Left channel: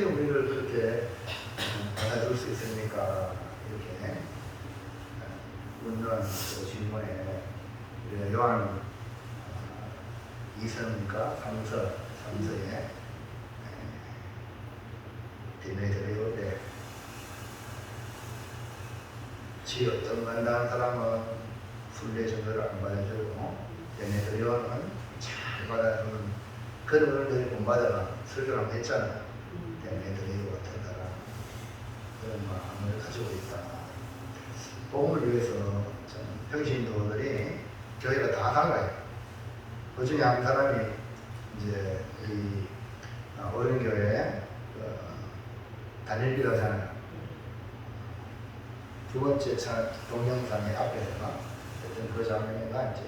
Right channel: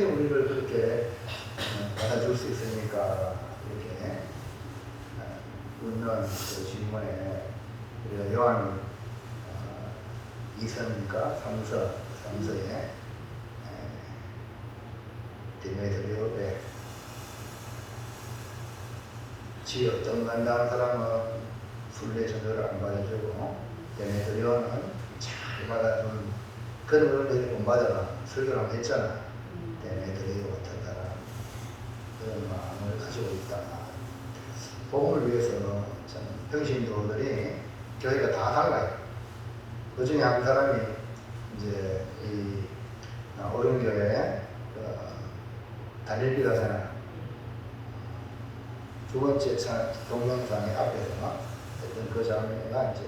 어떻게 우리를 그렇게 받아줄 수 있습니까? 이렇게 묻는 그 질문에 요한 2서니까 3서에 디메드리오에 지 어떤 간다는 사람은 순례 증거를 안 받아주고 디메드리오는 잘 받아주는 그런 은혜를 못 받아가 설교를 한번 했잖아. 디메드리오 같은 사람 그런 마음을 가지고 있다. 복음을 위해서 평신도들이 교회가 다 달라요. 그 중에 한 사람이 이제 이 어른교회 달릴비가잖아요. 두 번째 동영상의 앞에서 어떤 그 장면이 이제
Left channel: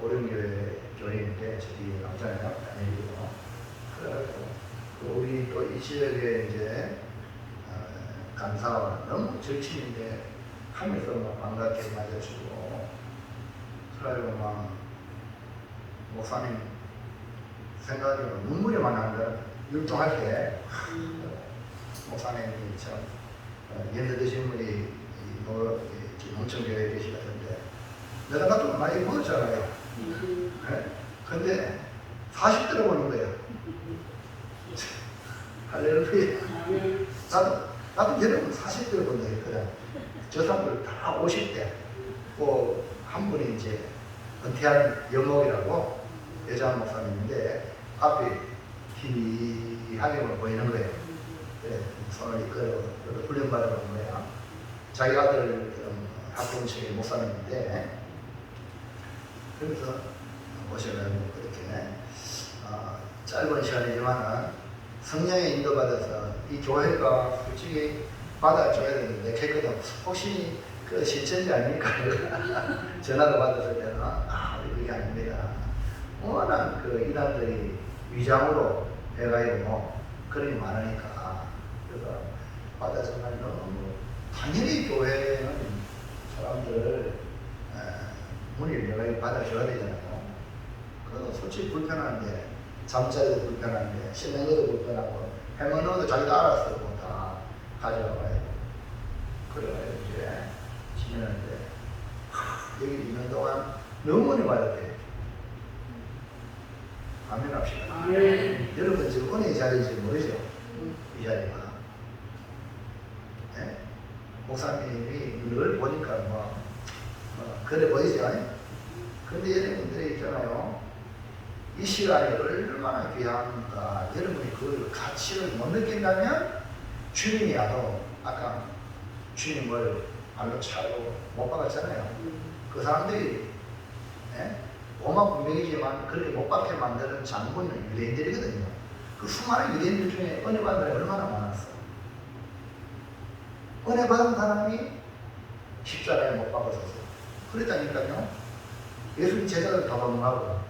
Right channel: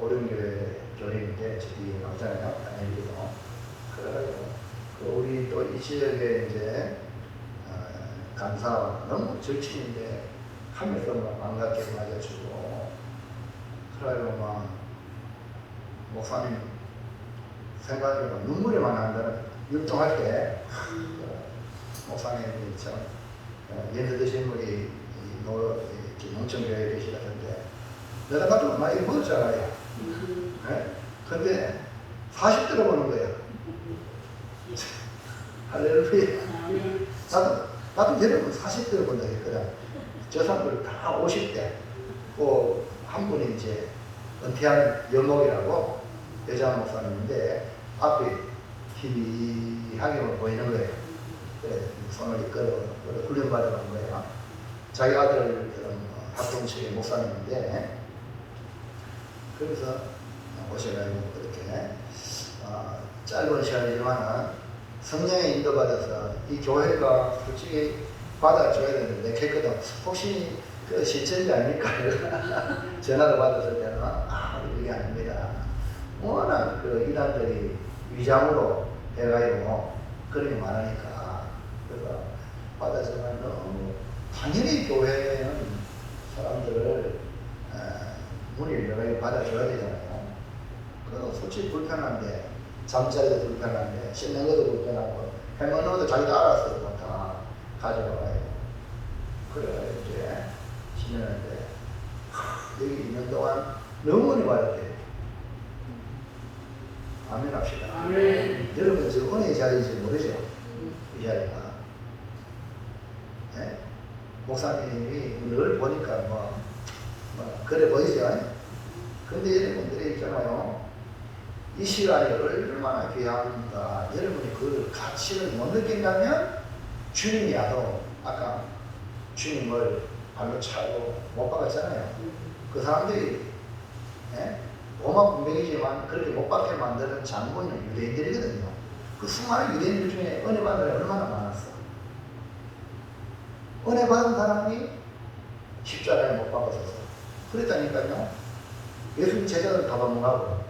어른교회 교인인데 저기 나오잖아요. 달릴비가. 그래가지고 우리 또 이 지역에 이제 강사와 너무 절친인데 하면서 막 반갑게 맞아주고 그래가지고 막 목사님 생각에 눈물이 많이 나는 거야. 율동할 때 목사님이 참 예를 드신 분이 농촌교회에 계시다던데 내가 나도 많이 보였잖아요. 네? 근데 40대로 보는 거예요. 할렐루야. 나도 여러분 40대로 본다 했거든. 저 사람들 다 50대. 또 한 분이 이제 은퇴한 영목이라고 여자 목사님인데 앞에 희하게 보이는 거예요. 그래, 손을 이끌어 훈련받아간 거예요. 자기 아들 합동체의 목사님인데 그래서 오셔가지고 그렇게 짧은 시간이지만 성령의 인도받아서 이 교회가 솔직히 받아줘야 되는데 했거든. 혹시 그 신천지 아닙니까? 전화도 받았을 때는 그게 아닙니다. 워낙 그 이단들이 위장으로 해가지고 그런 게 많으니까 그래서 받아주면 너무 당연히 교회는 사람들을 문을 열어서 받아줘야 되잖아요. 그건 솔직히 불편한데 잠자리도 불편한데 씻는 것도 불편하고 해먹는 것도 자기도 알아서 다 가져와요. 그래가지고 이제 지내는데 여기 있는 동안 너무 많이 받았대요. 아멘 합시다. 아멘. 여러분 지금 은혜의 자리인지 모르죠? 이 자리가. 네? 목사님이 늘 보니까 그래 보이죠? 근데 여러분들이 있잖아요. 이 시간이 얼마나 귀한가. 여러분이 그 가치를 못 느낀다면 주님이 와도 아까 주님을 발로 차고 못 박았잖아요. 그 사람들이 로마 군병이지만 그렇게 못 박게 만드는 장본인은 유대인들이거든요. 그 수많은 유대인들 중에 은혜 받은 사람이 얼마나 많았어. 은혜 받은 사람이 십자가에 못 박았었어. 그랬다니까요. 예수님 제자들 다 도망가고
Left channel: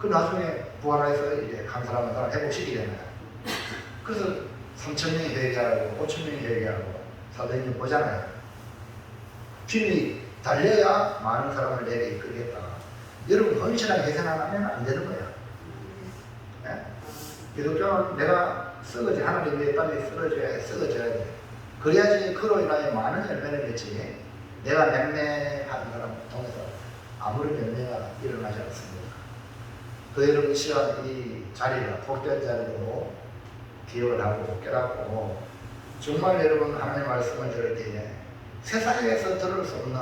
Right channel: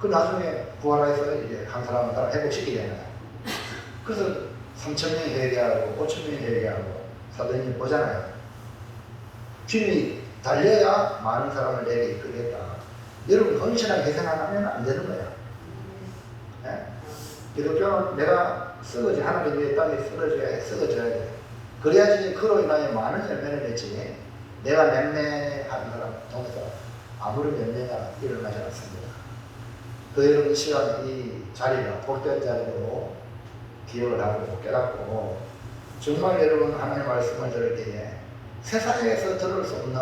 그 나중에 부활해서 이제 한 사람 회복시키게 되는 거야. 그래서 3,000명이 회개하고 5,000명이 회개하고 사도행전 보잖아요. 주님이 달려야 많은 사람을 내게 이끌겠다. 여러분 헌신하게 희생하면 안 되는 거예요. 네? 기독교는 내가 쓰러지 하나님 내 땅에 쓰러져야 돼. 그래야지 그로 인하여 많은 열매를 맺지. 내가 맹매하는 사람 통해서 아무런 열매가 일어나지 않습니다. 그 여러분 이 시간 이 자리가 복된 자리로 기억을 하고 깨닫고 정말 여러분 하나님의 말씀을 들을 때에 세상에서 들을 수 없는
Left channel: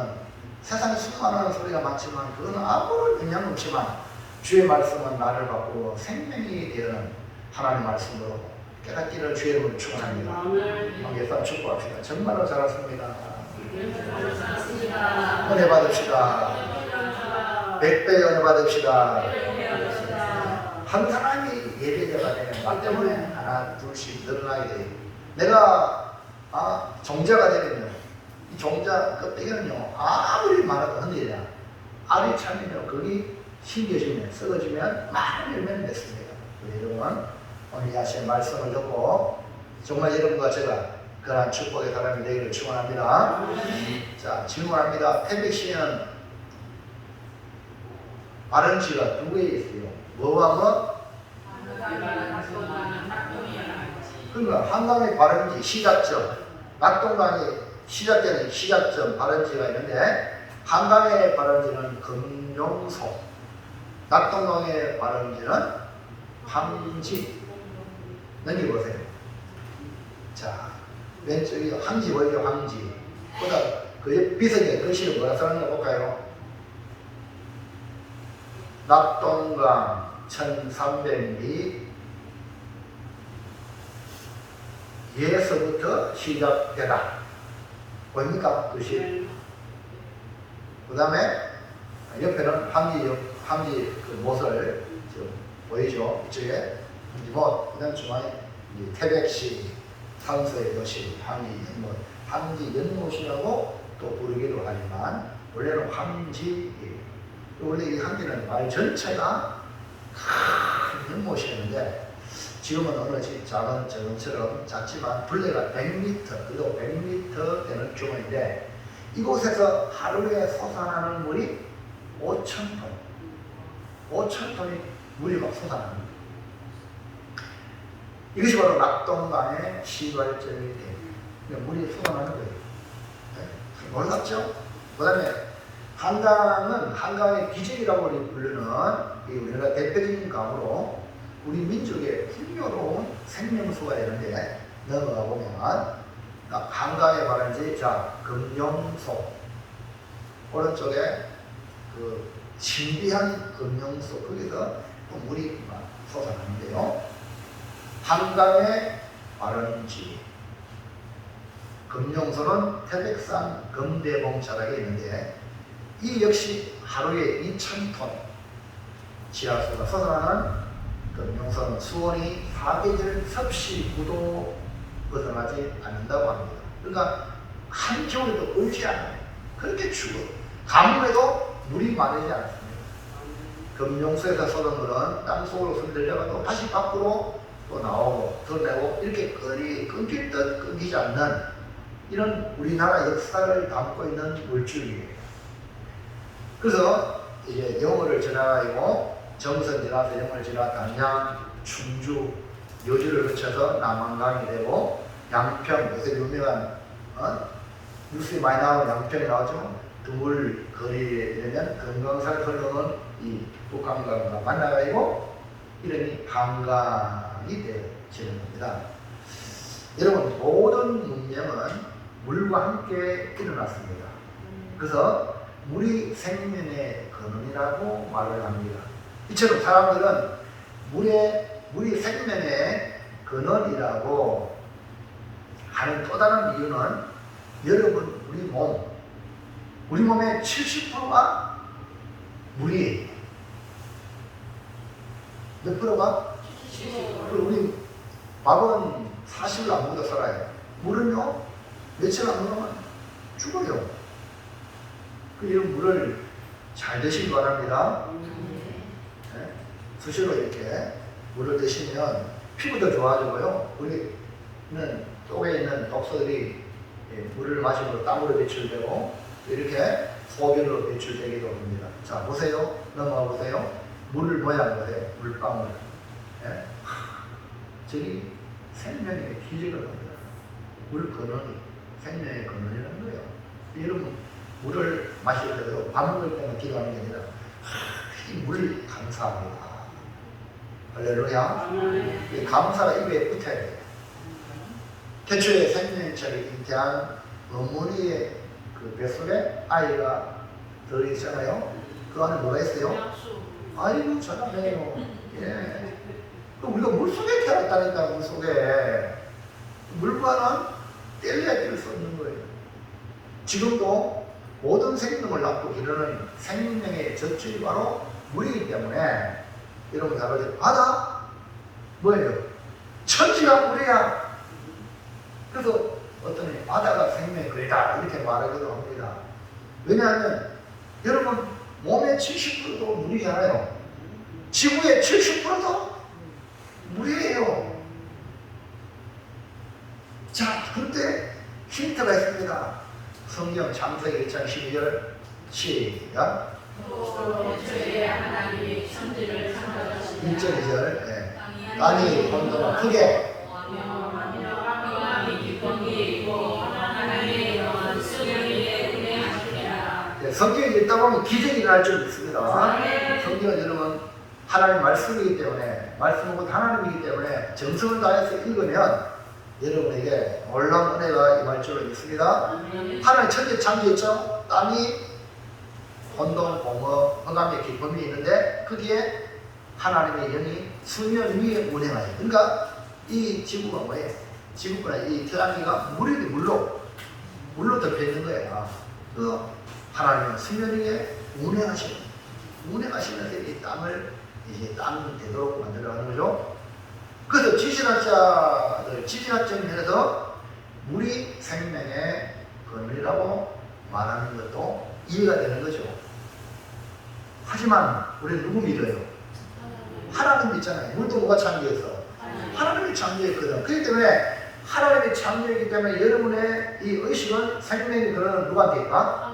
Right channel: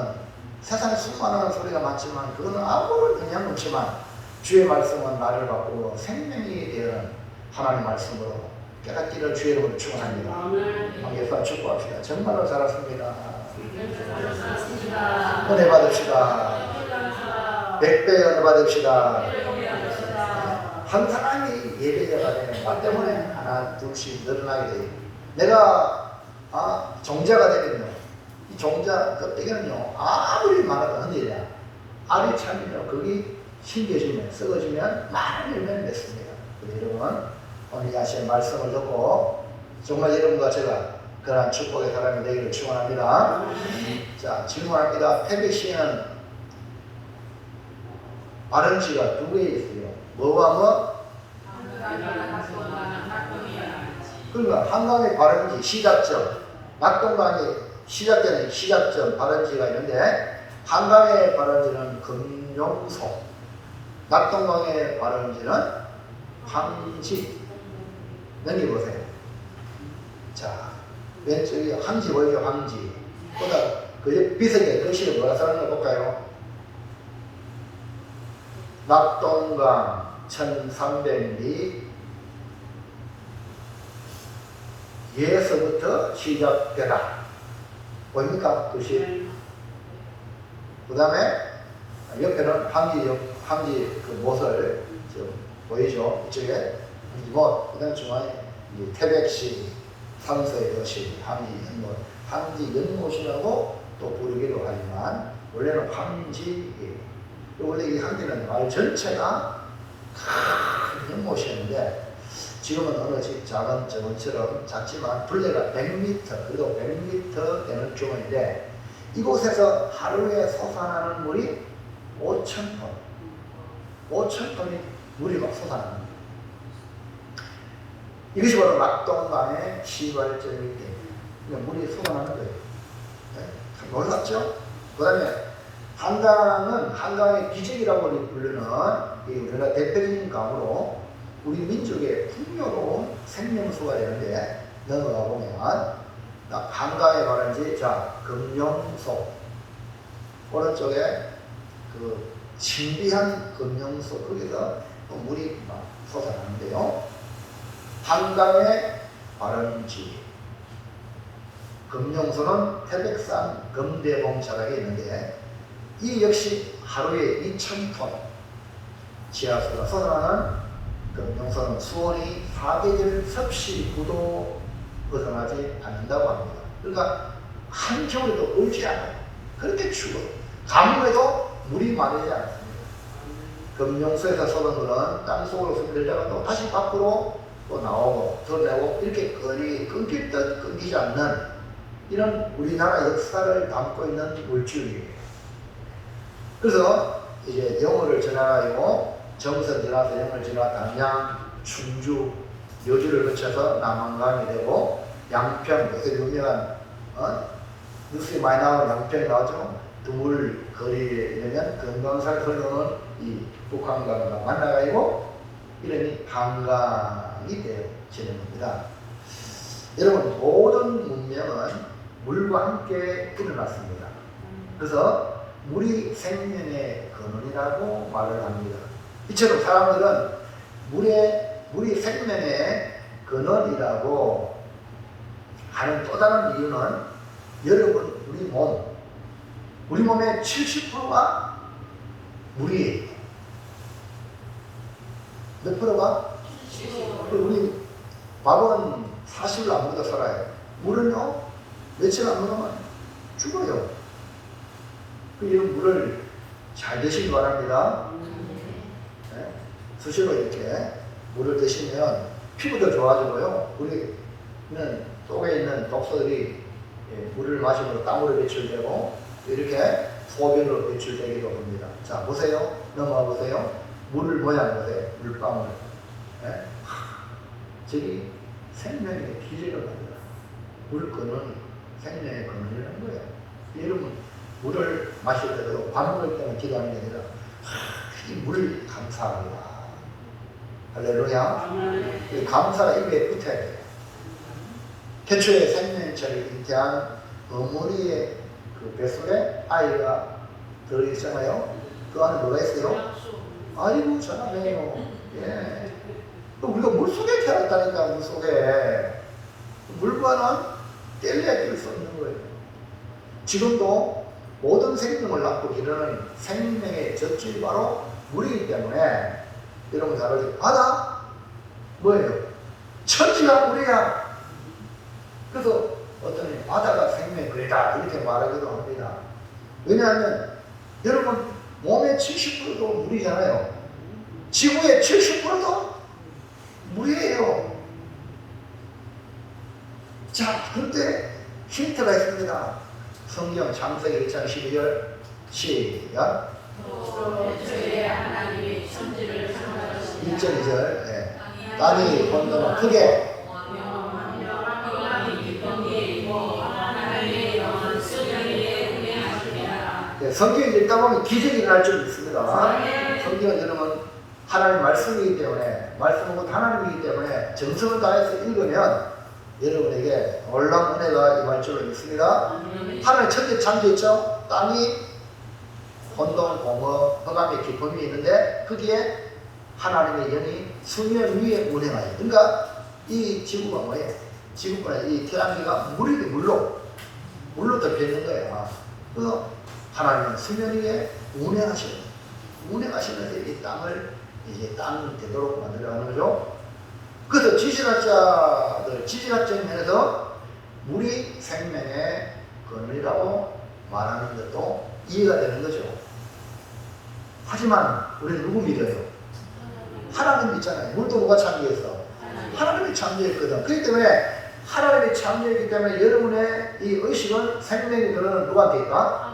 세상에 수많은 소리가 많지만 그거는 아무런 영향 없지만 주의 말씀은 나를 바꾸고 생명이 되는 하나님의 말씀으로 깨닫기를 주의 이름으로 축원합니다. 한개선 축복합시다. 정말로 잘하십니다. 은혜 받읍시다. 100배 은혜 받읍시다. 한 사람이 예배자가 되면 나 때문에 하나 둘씩 늘어나게 돼요. 내가 종자가 되면요. 이 종자 껍데기는요 아무리 많아도 흔들리냐. 알이 차면요 거기 신겨지면 썩어지면 많은 열매를 맺습니다. 여러분 오늘 하신 말씀을 듣고 정말 여러분과 제가 그러한 축복의 사람이 되기를 축원합니다. 자 질문합니다. 펠리시는 RNG가 두 개 있어요. 뭐와 뭐? 그러니까 한강의 발원지 시작점, 낙동강의 시작되는 시작점 발원지가 있는데 한강의 발원지는 금룡소, 낙동강의 발원지는 황지. 넘겨보세요. 자, 왼쪽이 황지 뭐죠? 황지. 보다 그 비슷하게 글씨를 뭐라 써는가 볼까요? 낙동강 1300리 예서부터 시작되다. 보입니까? 글씨. 그 다음에 옆에는 황지 그 못을 좀 보이죠? 이쪽에 황지 못. 그 다음 중앙에 태백시, 산서의 여시, 황지 연못. 황지 연못이라고 또 부르기도 하지만 원래는 황지예요. 원래 이 황지는 말 전체가 큰 연못이었는데 지금은 어느 작은 저번처럼 작지만 둘레가 100m 그리고 100m 되는 규모인데 이곳에서 하루에 솟아나는 물이 5,000톤 5,000톤의 물이 막 솟아납니다. 이것이 바로 낙동강의 시발점이 물이 솟아나는 거예요. 네? 놀랍죠? 그 다음에 한강은 한강의 기적이라고 부르는 우리나라 대표적인 강으로 우리 민족의 풍요로운 생명수가 되는데 넘어가 보면 한강에 관한지 자 금룡소 오른쪽에 그 신비한 금룡소 거기서 또 물이 막 솟아나는데요. 한강의 발원지 금룡소는 태백산 금대봉 자락에 있는데 이 역시 하루에 2,000톤 지하수가 솟아나는 금룡소는 수온이 사계절 섭씨 9도 벗어나지 않는다고 합니다. 그러니까 한겨울에도 얼지 않아요. 그렇게 추워요. 가뭄에도 물이 마르지 않습니다. 금룡소에서 쏟은 물은 땅속으로 손들려가 또 다시 밖으로 또 나오고 드러내고 이렇게 끊길 듯 끊기지 않는 이런 우리나라 역사를 담고 있는 물줄이에요. 그래서 이제 영어를 지나가지고 정선 지나서 영어를 지나 담양, 충주, 여주를 거쳐서 남한강이 되고 양평, 요새 유명한 뉴스에 많이 나오는 양평이 나오죠. 드물 거리에 이르면 금강산을 흘러오는 이 북한강과 만나가지고 이러니 한강이 되어지는 겁니다. 여러분 모든 문명은 물과 함께 일어났습니다. 그래서 물이 생명의 근원이라고 말을 합니다. 이처럼 사람들은 물이 생명의 근원이라고 하는 또 다른 이유는 여러분 우리 몸의 70%가 물이에요. 몇 프로가? 우리 밥은 40일 안 먹어도 살아요. 물은요 며칠 안 먹으면 죽어요. 이런 물을 잘 드시기 바랍니다. 네? 수시로 이렇게 물을 드시면 피부도 좋아지고요. 우리는 속에 있는 독소들이 물을 마시면 땀으로 배출되고 이렇게 소변으로 배출되기도 합니다. 자 보세요. 넘어가 보세요. 물 모양 보세요. 물방울. 네? 저기 생명의 기적을 합니다. 물 근원이 생명의 근원이라는 거예요. 여러분 물을 마실 때도 밥 먹을 때는 기도하는 게 아니라 이 물 감사합니다. 할렐루야. 이 감사가 입에 붙어야 돼요. 태초에 생명체를 잉태한 어머니의 그 뱃속에 아이가 들어있잖아요. 그 안에 뭐가 있어요? 아이고 잘하네요. 예. 우리가 물속에 태어났다니까. 물속에 물과는 뗄래야 뗄 수 없는 거예요. 지금도 모든 생명을 낳고 기르는 생명의 젖줄이 바로 물이기 때문에 여러분 잘 아시죠? 바다 뭐예요? 천지가 물이야. 그래서 어떤 바다가 생명의 글이다 이렇게 말하기도 합니다. 왜냐하면 여러분 몸의 70%도 물이잖아요. 지구의 70%도 물이에요. 자, 근데 힌트가 있습니다. 성경 창세기 1장 12절 시작. 1절 2절 땅이 혼돈하고 크게 성경에 읽다 보면 기적이 일어날 줄 믿습니다. 성경을 들으면 하나님 말씀이기 때문에, 말씀은 곧 하나님이기 때문에 정성을 다해서 읽으면 여러분에게 놀라운 은혜가 임할 줄 믿습니다. 하나님 천지 창조했죠. 땅이 혼돈, 공허, 흑암의 깊음이 있는데 거기에 하나님의 영이 수면 위에 운행하여. 그러니까 이 지구가 뭐예요? 지구가 이 태양계가 물로 덮여 있는 거예요. 그 하나님은 수면 위에 운행하시면서 이 땅을 이제 땅이 되도록 만들어가는 거죠. 그래서 지질학적인 면에서 물이 생명의 근원이라고 말하는 것도 이해가 되는 거죠. 하지만 우리는 누구 믿어요? 하나님 믿잖아요. 물도 누가 창조했어? 하나님이 창조했거든. 그렇기 때문에 하나님이 창조했기 때문에 여러분의 이 의식은 생명의 근원은 누구한테 있다?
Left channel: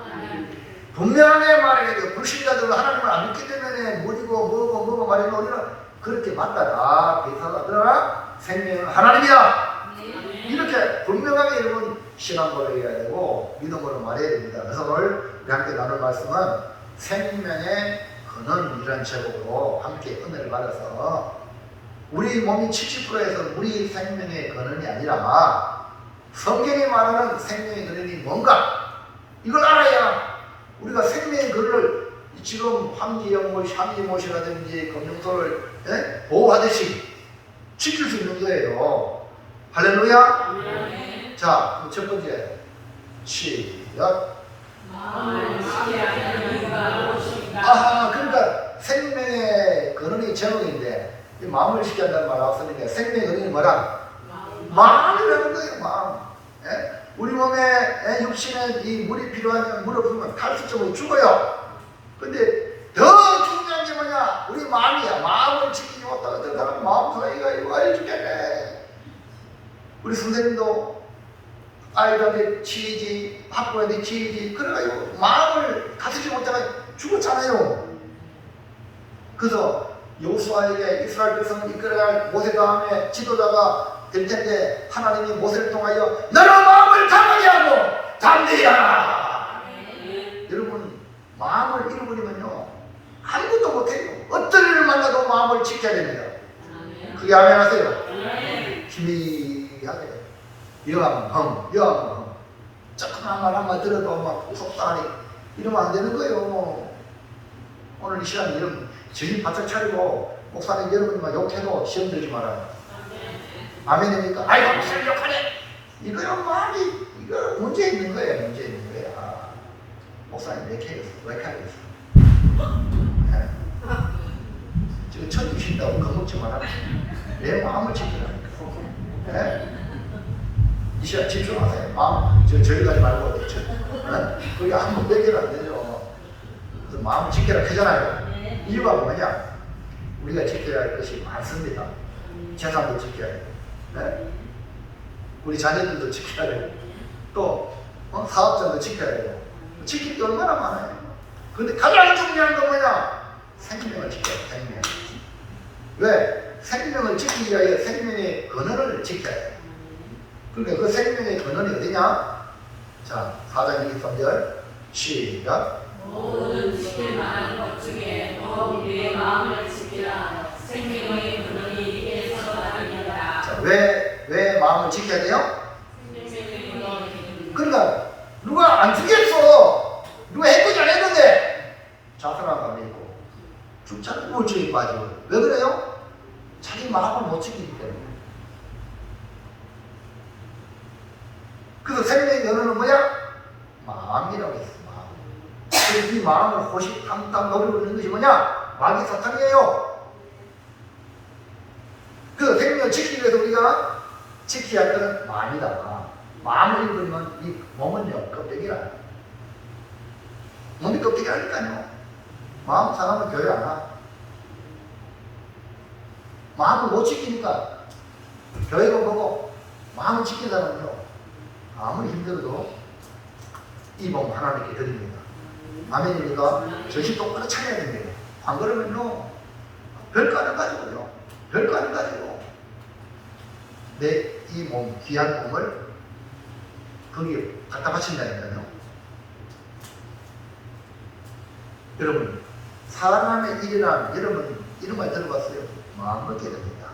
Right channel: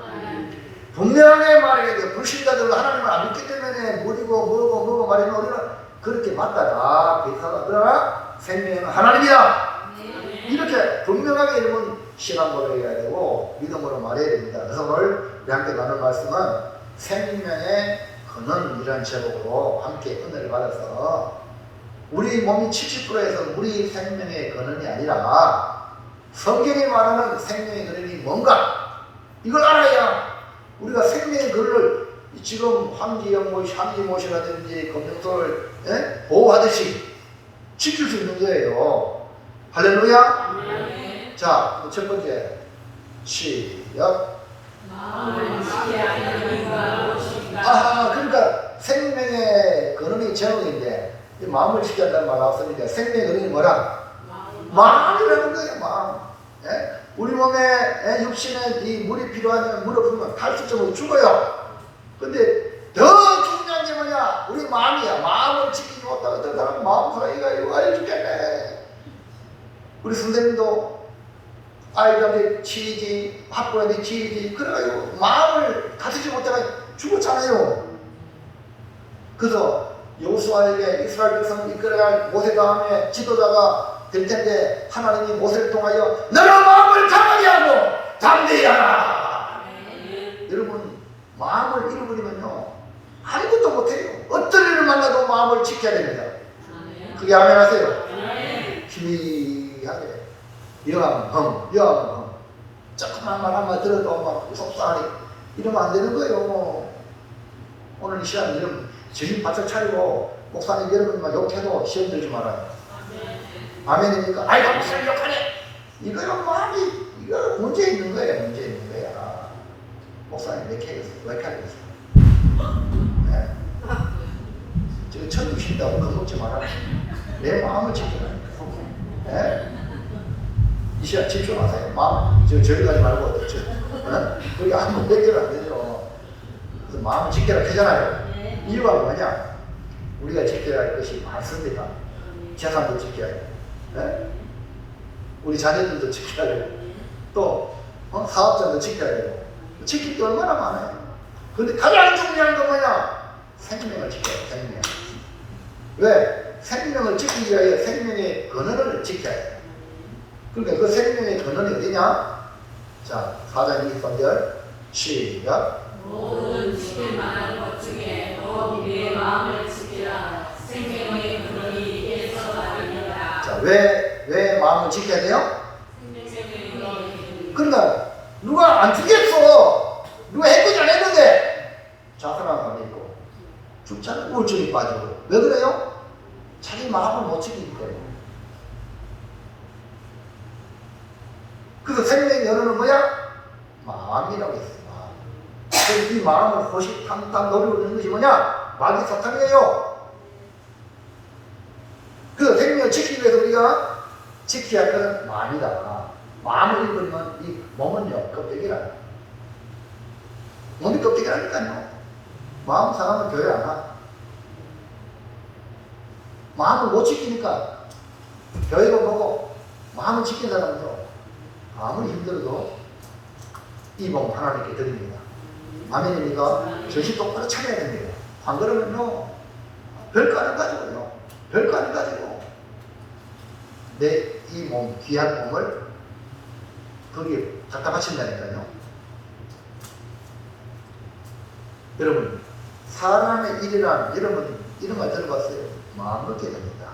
분명하게 말해야 돼요. 불신자들은 하나님을 안 믿기 때문에 물이고 뭐고 말이면 우리는 그렇게 맞다 다 비슷하다. 그러나 생명은 하나님이다. 이렇게 분명하게 여러분 신앙 고백해야 되고 믿음으로 말해야 됩니다. 그래서 오늘 우리 함께 나눌 말씀은 생명의 근원이라는 제목으로 함께 은혜를 받아서 우리 몸이 70%에서 우리 생명의 근원이 아니라 성경이 말하는 생명의 근원이 뭔가 이걸 알아야 우리가 생명의 근원을 지금 향기못이라든지 검정소를 보호하듯이 지킬 수 있는 거예요. 할렐루야. 네. 자, 첫 번째 시작. 그러니까 생명의 근원이 제목인데 이 마음을 지켜야 한다는 말 나왔으니까 생명의 근원이 뭐라? 마음이라는 거예요. 마음. 우리 몸에 육신에 이 물이 필요하면 물 없으면 탈수증으로 죽어요. 근데 더 중요한 게 뭐냐? 우리 마음이야. 마음을 지키지 못하고 들어가면 마음 소리가 이거 알려주겠네. 우리 선생님도 아이들한테 치이지, 학부한테 치이지, 그래가지고 마음을 다스리지 못하면 죽었잖아요. 그래서 여호수아에게 이스라엘 백성을 이끌어야 할 모세 다음에 지도자가 될 텐데 하나님이 모세를 통하여 너는 마음을 강하게 하고 담대히 하라. 여러분 마음을 잃어버리면요 아무것도 못해요. 어떤 일을 만나도 마음을 지켜야 됩니다. 그게 아멘하세요. 희미하게 영함 조금만 말 한마디 들어도 막 속상하게 이러면 안 되는 거예요. 오늘 이 시간 이러면 정신 바짝 차리고 목사님 여러분만 욕해도 시험 들지 말아요. 아멘입니까? 아이고 무슨 욕하네. 이거는 말이 이거 문제 있는 거예요. 문제 있는 거야. 목사님 왜 캐겠어? 네. 저 천주신다고 겁먹지 마라. 내 마음을 지키라. 네? 이 시간 집중하세요. 마음 저리 가지 말고 거기 한번 뺏기면 안 되죠. 그래서 마음을 지켜라 크잖아요. 이유가 뭐냐? 우리가 지켜야 할 것이 많습니다. 재산도 지켜야 해요. 네? 우리 자녀들도 지켜야 되고 또 사업자도 지켜야 되고 지킬 게 얼마나 많아요. 그런데 가장 중요한 건 뭐냐? 생명을 지켜야 돼요. 생명. 왜? 생명을 지키기 위해 생명의 근원을 지켜야 돼요. 그러니까 그 생명의 근원이 어디냐? 자, 4장 23절 시작. 모든 지킬 만한 것 중에 우리의 마음을 지키라. 생명의 근원이 예서 나리라. 자, 왜 마음을 지켜야 돼요? 그러니까 누가 안 죽였어. 누가 했거지 안 했는데 자살한 사람이 있고 죽자는 우울증이 빠지고. 왜 그래요? 자기 마음을 못 지키기 때문에. 그래서 생명의 근원은 뭐야? 마음이라고 했어. 마음. 그래서 이 마음을 호시탐탐 노리고 있는 것이 뭐냐? 마귀 사탄이에요. 그 생명을 지키기 위해서 우리가 지켜야 할 것은 마음이다. 마음을 잃으면 이 몸은요 껍데기라. 몸이 껍데기라니까요. 마음 사람은 교회 안 가. 마음을 못 지키니까 교회도 보고 마음을 지킨 사람은요 아무리 힘들어도 이 몸 하나님께 드립니다. 아멘입니까? 정신 똑바로 차려야 됩니다. 안 그러면요 별거 안 가지고요. 별거 안 가지고 내 이 몸, 귀한 몸을 거기에 갖다 바친다니까요. 여러분, 사람의 일이란 여러분 이런 말 들어봤어요? 마음 먹게 됩니다.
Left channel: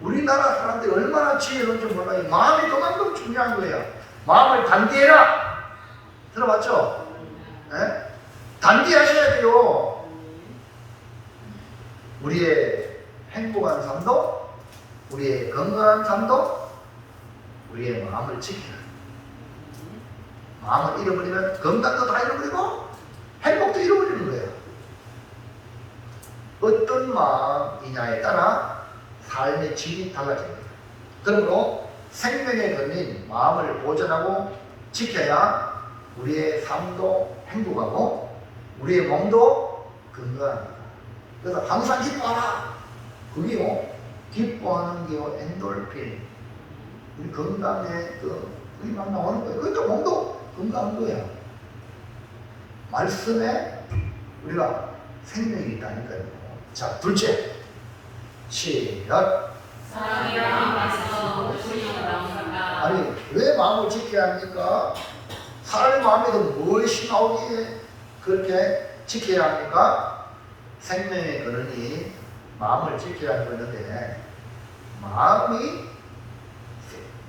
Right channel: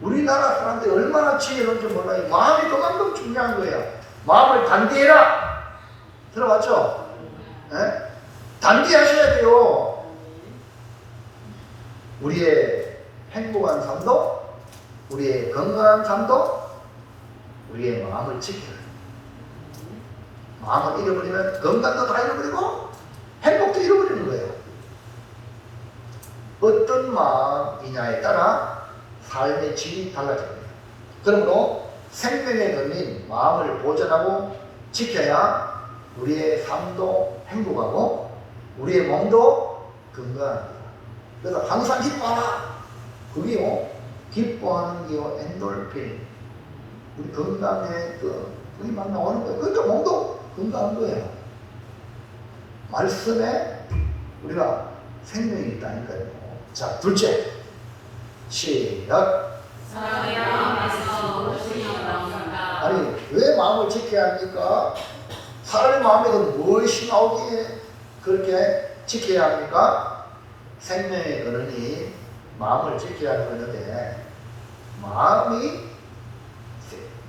우리나라 사람들이 얼마나 지혜로운지 몰라요. 마음이 그만큼 중요한 거예요. 마음을 단디해라. 들어봤죠? 예? 단디하셔야 돼요. 우리의 행복한 삶도, 우리의 건강한 삶도, 우리의 마음을 지키는. 마음을 잃어버리면 건강도 다 잃어버리고 행복도 잃어버리는 거예요. 어떤 마음이냐에 따라 삶의 질이 달라집니다. 그러므로 생명의 근인 마음을 보존하고 지켜야 우리의 삶도 행복하고 우리의 몸도 건강합니다. 그래서 항상 기뻐하라. 그게요, 기뻐하는 게요, 엔돌핀. 우리 건강에 그게 막 나오는 거예요. 그러니까 몸도 건강한 거예요. 말씀에 우리가 생명이 있다니까요. 자, 둘째. 시작. 사랑이란 말씀으로 주님을 나옵니다. 아니, 왜 마음을 지켜야 합니까? 사람의 마음에서 무엇이 나오기에 그렇게 지켜야 합니까? 생명의 근원이 마음을 지켜야 하는데, 마음이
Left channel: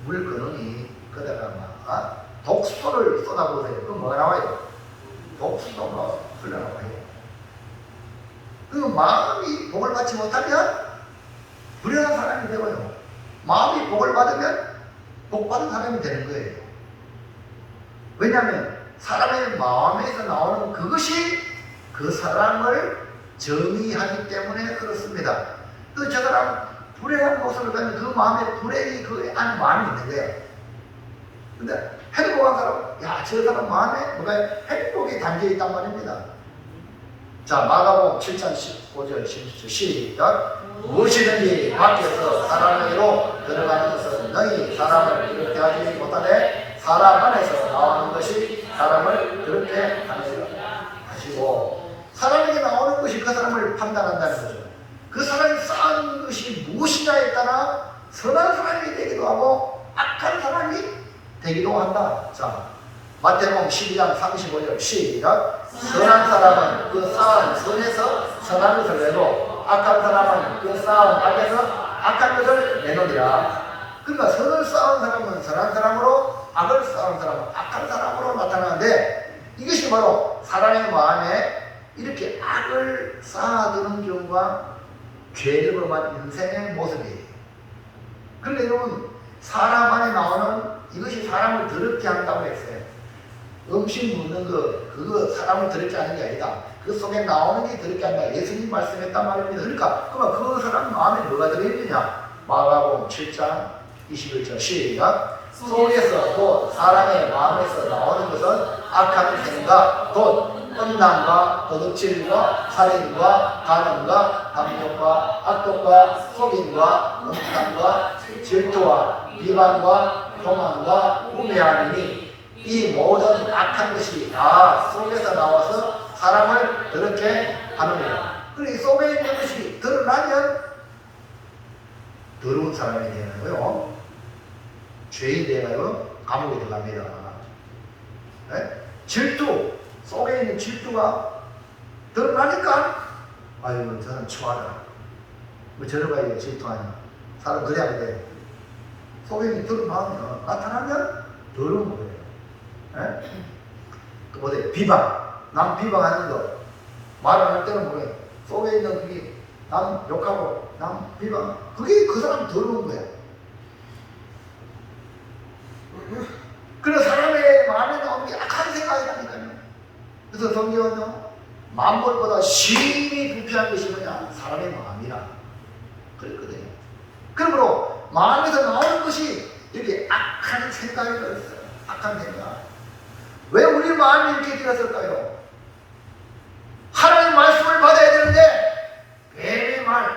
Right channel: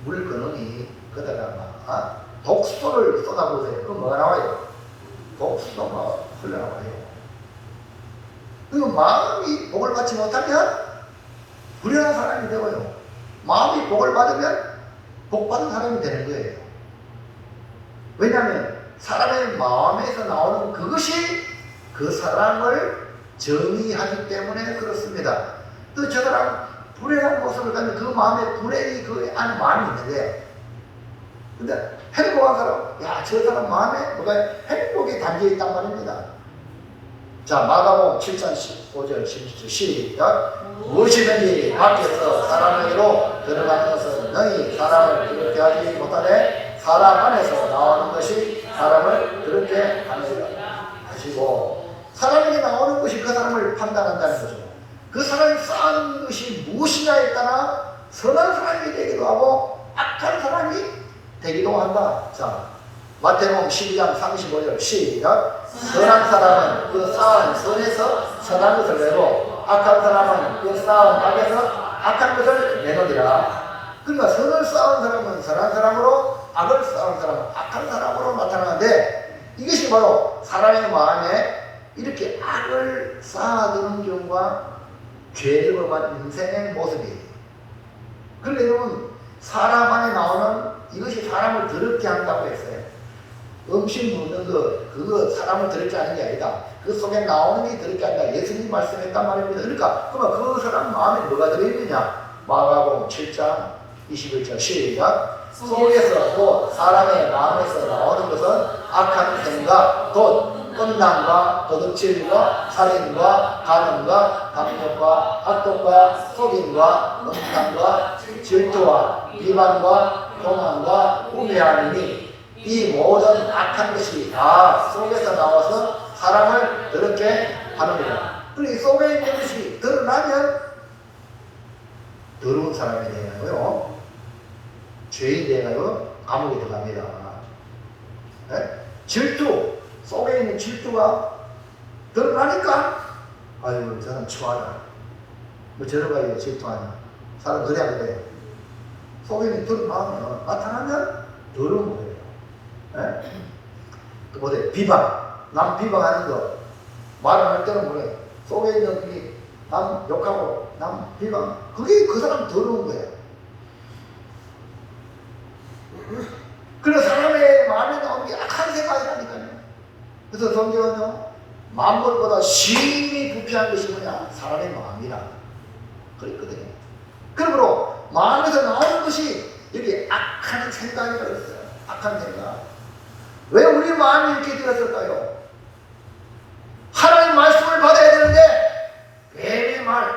물 근원이 거다가 막 독소를 쏟아보세요. 그럼 뭐가 나와요? 독소가 흘러나와요. 그 마음이 복을 받지 못하면 불행한 사람이 되고요. 마음이 복을 받으면 복 받은 사람이 되는 거예요. 왜냐하면 사람의 마음에서 나오는 그것이 그 사람을 정의하기 때문에 그렇습니다. 또 저 사람 불행한 모습을 가면 그 마음에 불행이 그 안에 마음이 있는 거예요. 근데 행복한 사람, 야, 저 사람 마음에 뭐가 행복이 담겨 있단 말입니다. 자, 마가복음 7장 15절 16절 시작. 무엇이든지 밖에서 사람에게로 들어가는 것은 너희 사람을 그렇게 하지 못하되 사람 안에서 나오는 것이 사람을 그렇게 하느니라 하시고, 사람에게 나오는 것이 그 사람을 판단한다는 거죠. 그 사람이 쌓은 것이 무엇이냐에 따라 선한 사람이 되기도 하고 악한 사람이 되기도 한다. 자, 마태복음 12장 35절 시작. 선한 사람은 그 쌓은 선에서 선한 것을 내고 악한 사람은 그 쌓은 악에서 악한 것을 내놓으리라. 그러니까 선을 쌓은 사람은 선한 사람으로, 악을 쌓은 사람은 악한 사람으로 나타나는데, 이것이 바로 사람의 마음에 이렇게 악을 쌓아두는 경우가 죄를 범한 인생의 모습이에요. 그런데 여러분, 사람 안에 나오는 이것이 사람을 더럽게 한다고 했어요. 음식 먹는 것, 그거 사람을 더럽게 하는 게 아니다. 그 속에 나오는 게 더럽게 한다. 예수님 말씀했단 말입니다. 그러니까 그러면 그 사람 마음에 뭐가 들어있느냐? 마가복음 7장 21절 시작. 속에서 곧 사람의 마음에서 나오는 것은 악한 생각, 곧 음란과 도둑질과 살인과 간음과 탐욕과 악독과 속임과 음탕과 질투와 비방과 교만과 우매함이니 이 모든 악한 것이 다 속에서 나와서 사람을 더럽게 하는 거예요. 그리고 이 속에 있는 것이 드러나면 더러운 사람이 되고요, 죄인 되어요, 감옥에 들어갑니다. 네? 질투, 속에 있는 질투가 드러나니까 아유, 저 사람 추하다. 뭐 저러가 이게 질투하냐. 사람 그래야 돼. 속에 있는 드러나면, 나타나면 더러운 거예요. 네? 그 뭐래, 비방. 남 비방하는 거. 말을 할 때는 뭐래. 속에 있는 그게 남 욕하고 남 비방. 그게 그 사람 더러운 거예요. 그래서 사람의 마음에 나오는 게 악한 생각이라니까요. 그래서 성경은요, 만물보다 심히 부패한 것이 뭐냐? 사람의 마음이라 그랬거든요. 그러므로 마음에서 나오는 것이 이렇게 악한 생각이 들었어요. 악한 생각. 왜 우리 마음이 이렇게 되었을까요? 하나님의 말씀을 받아야 되는데 뱀의 말,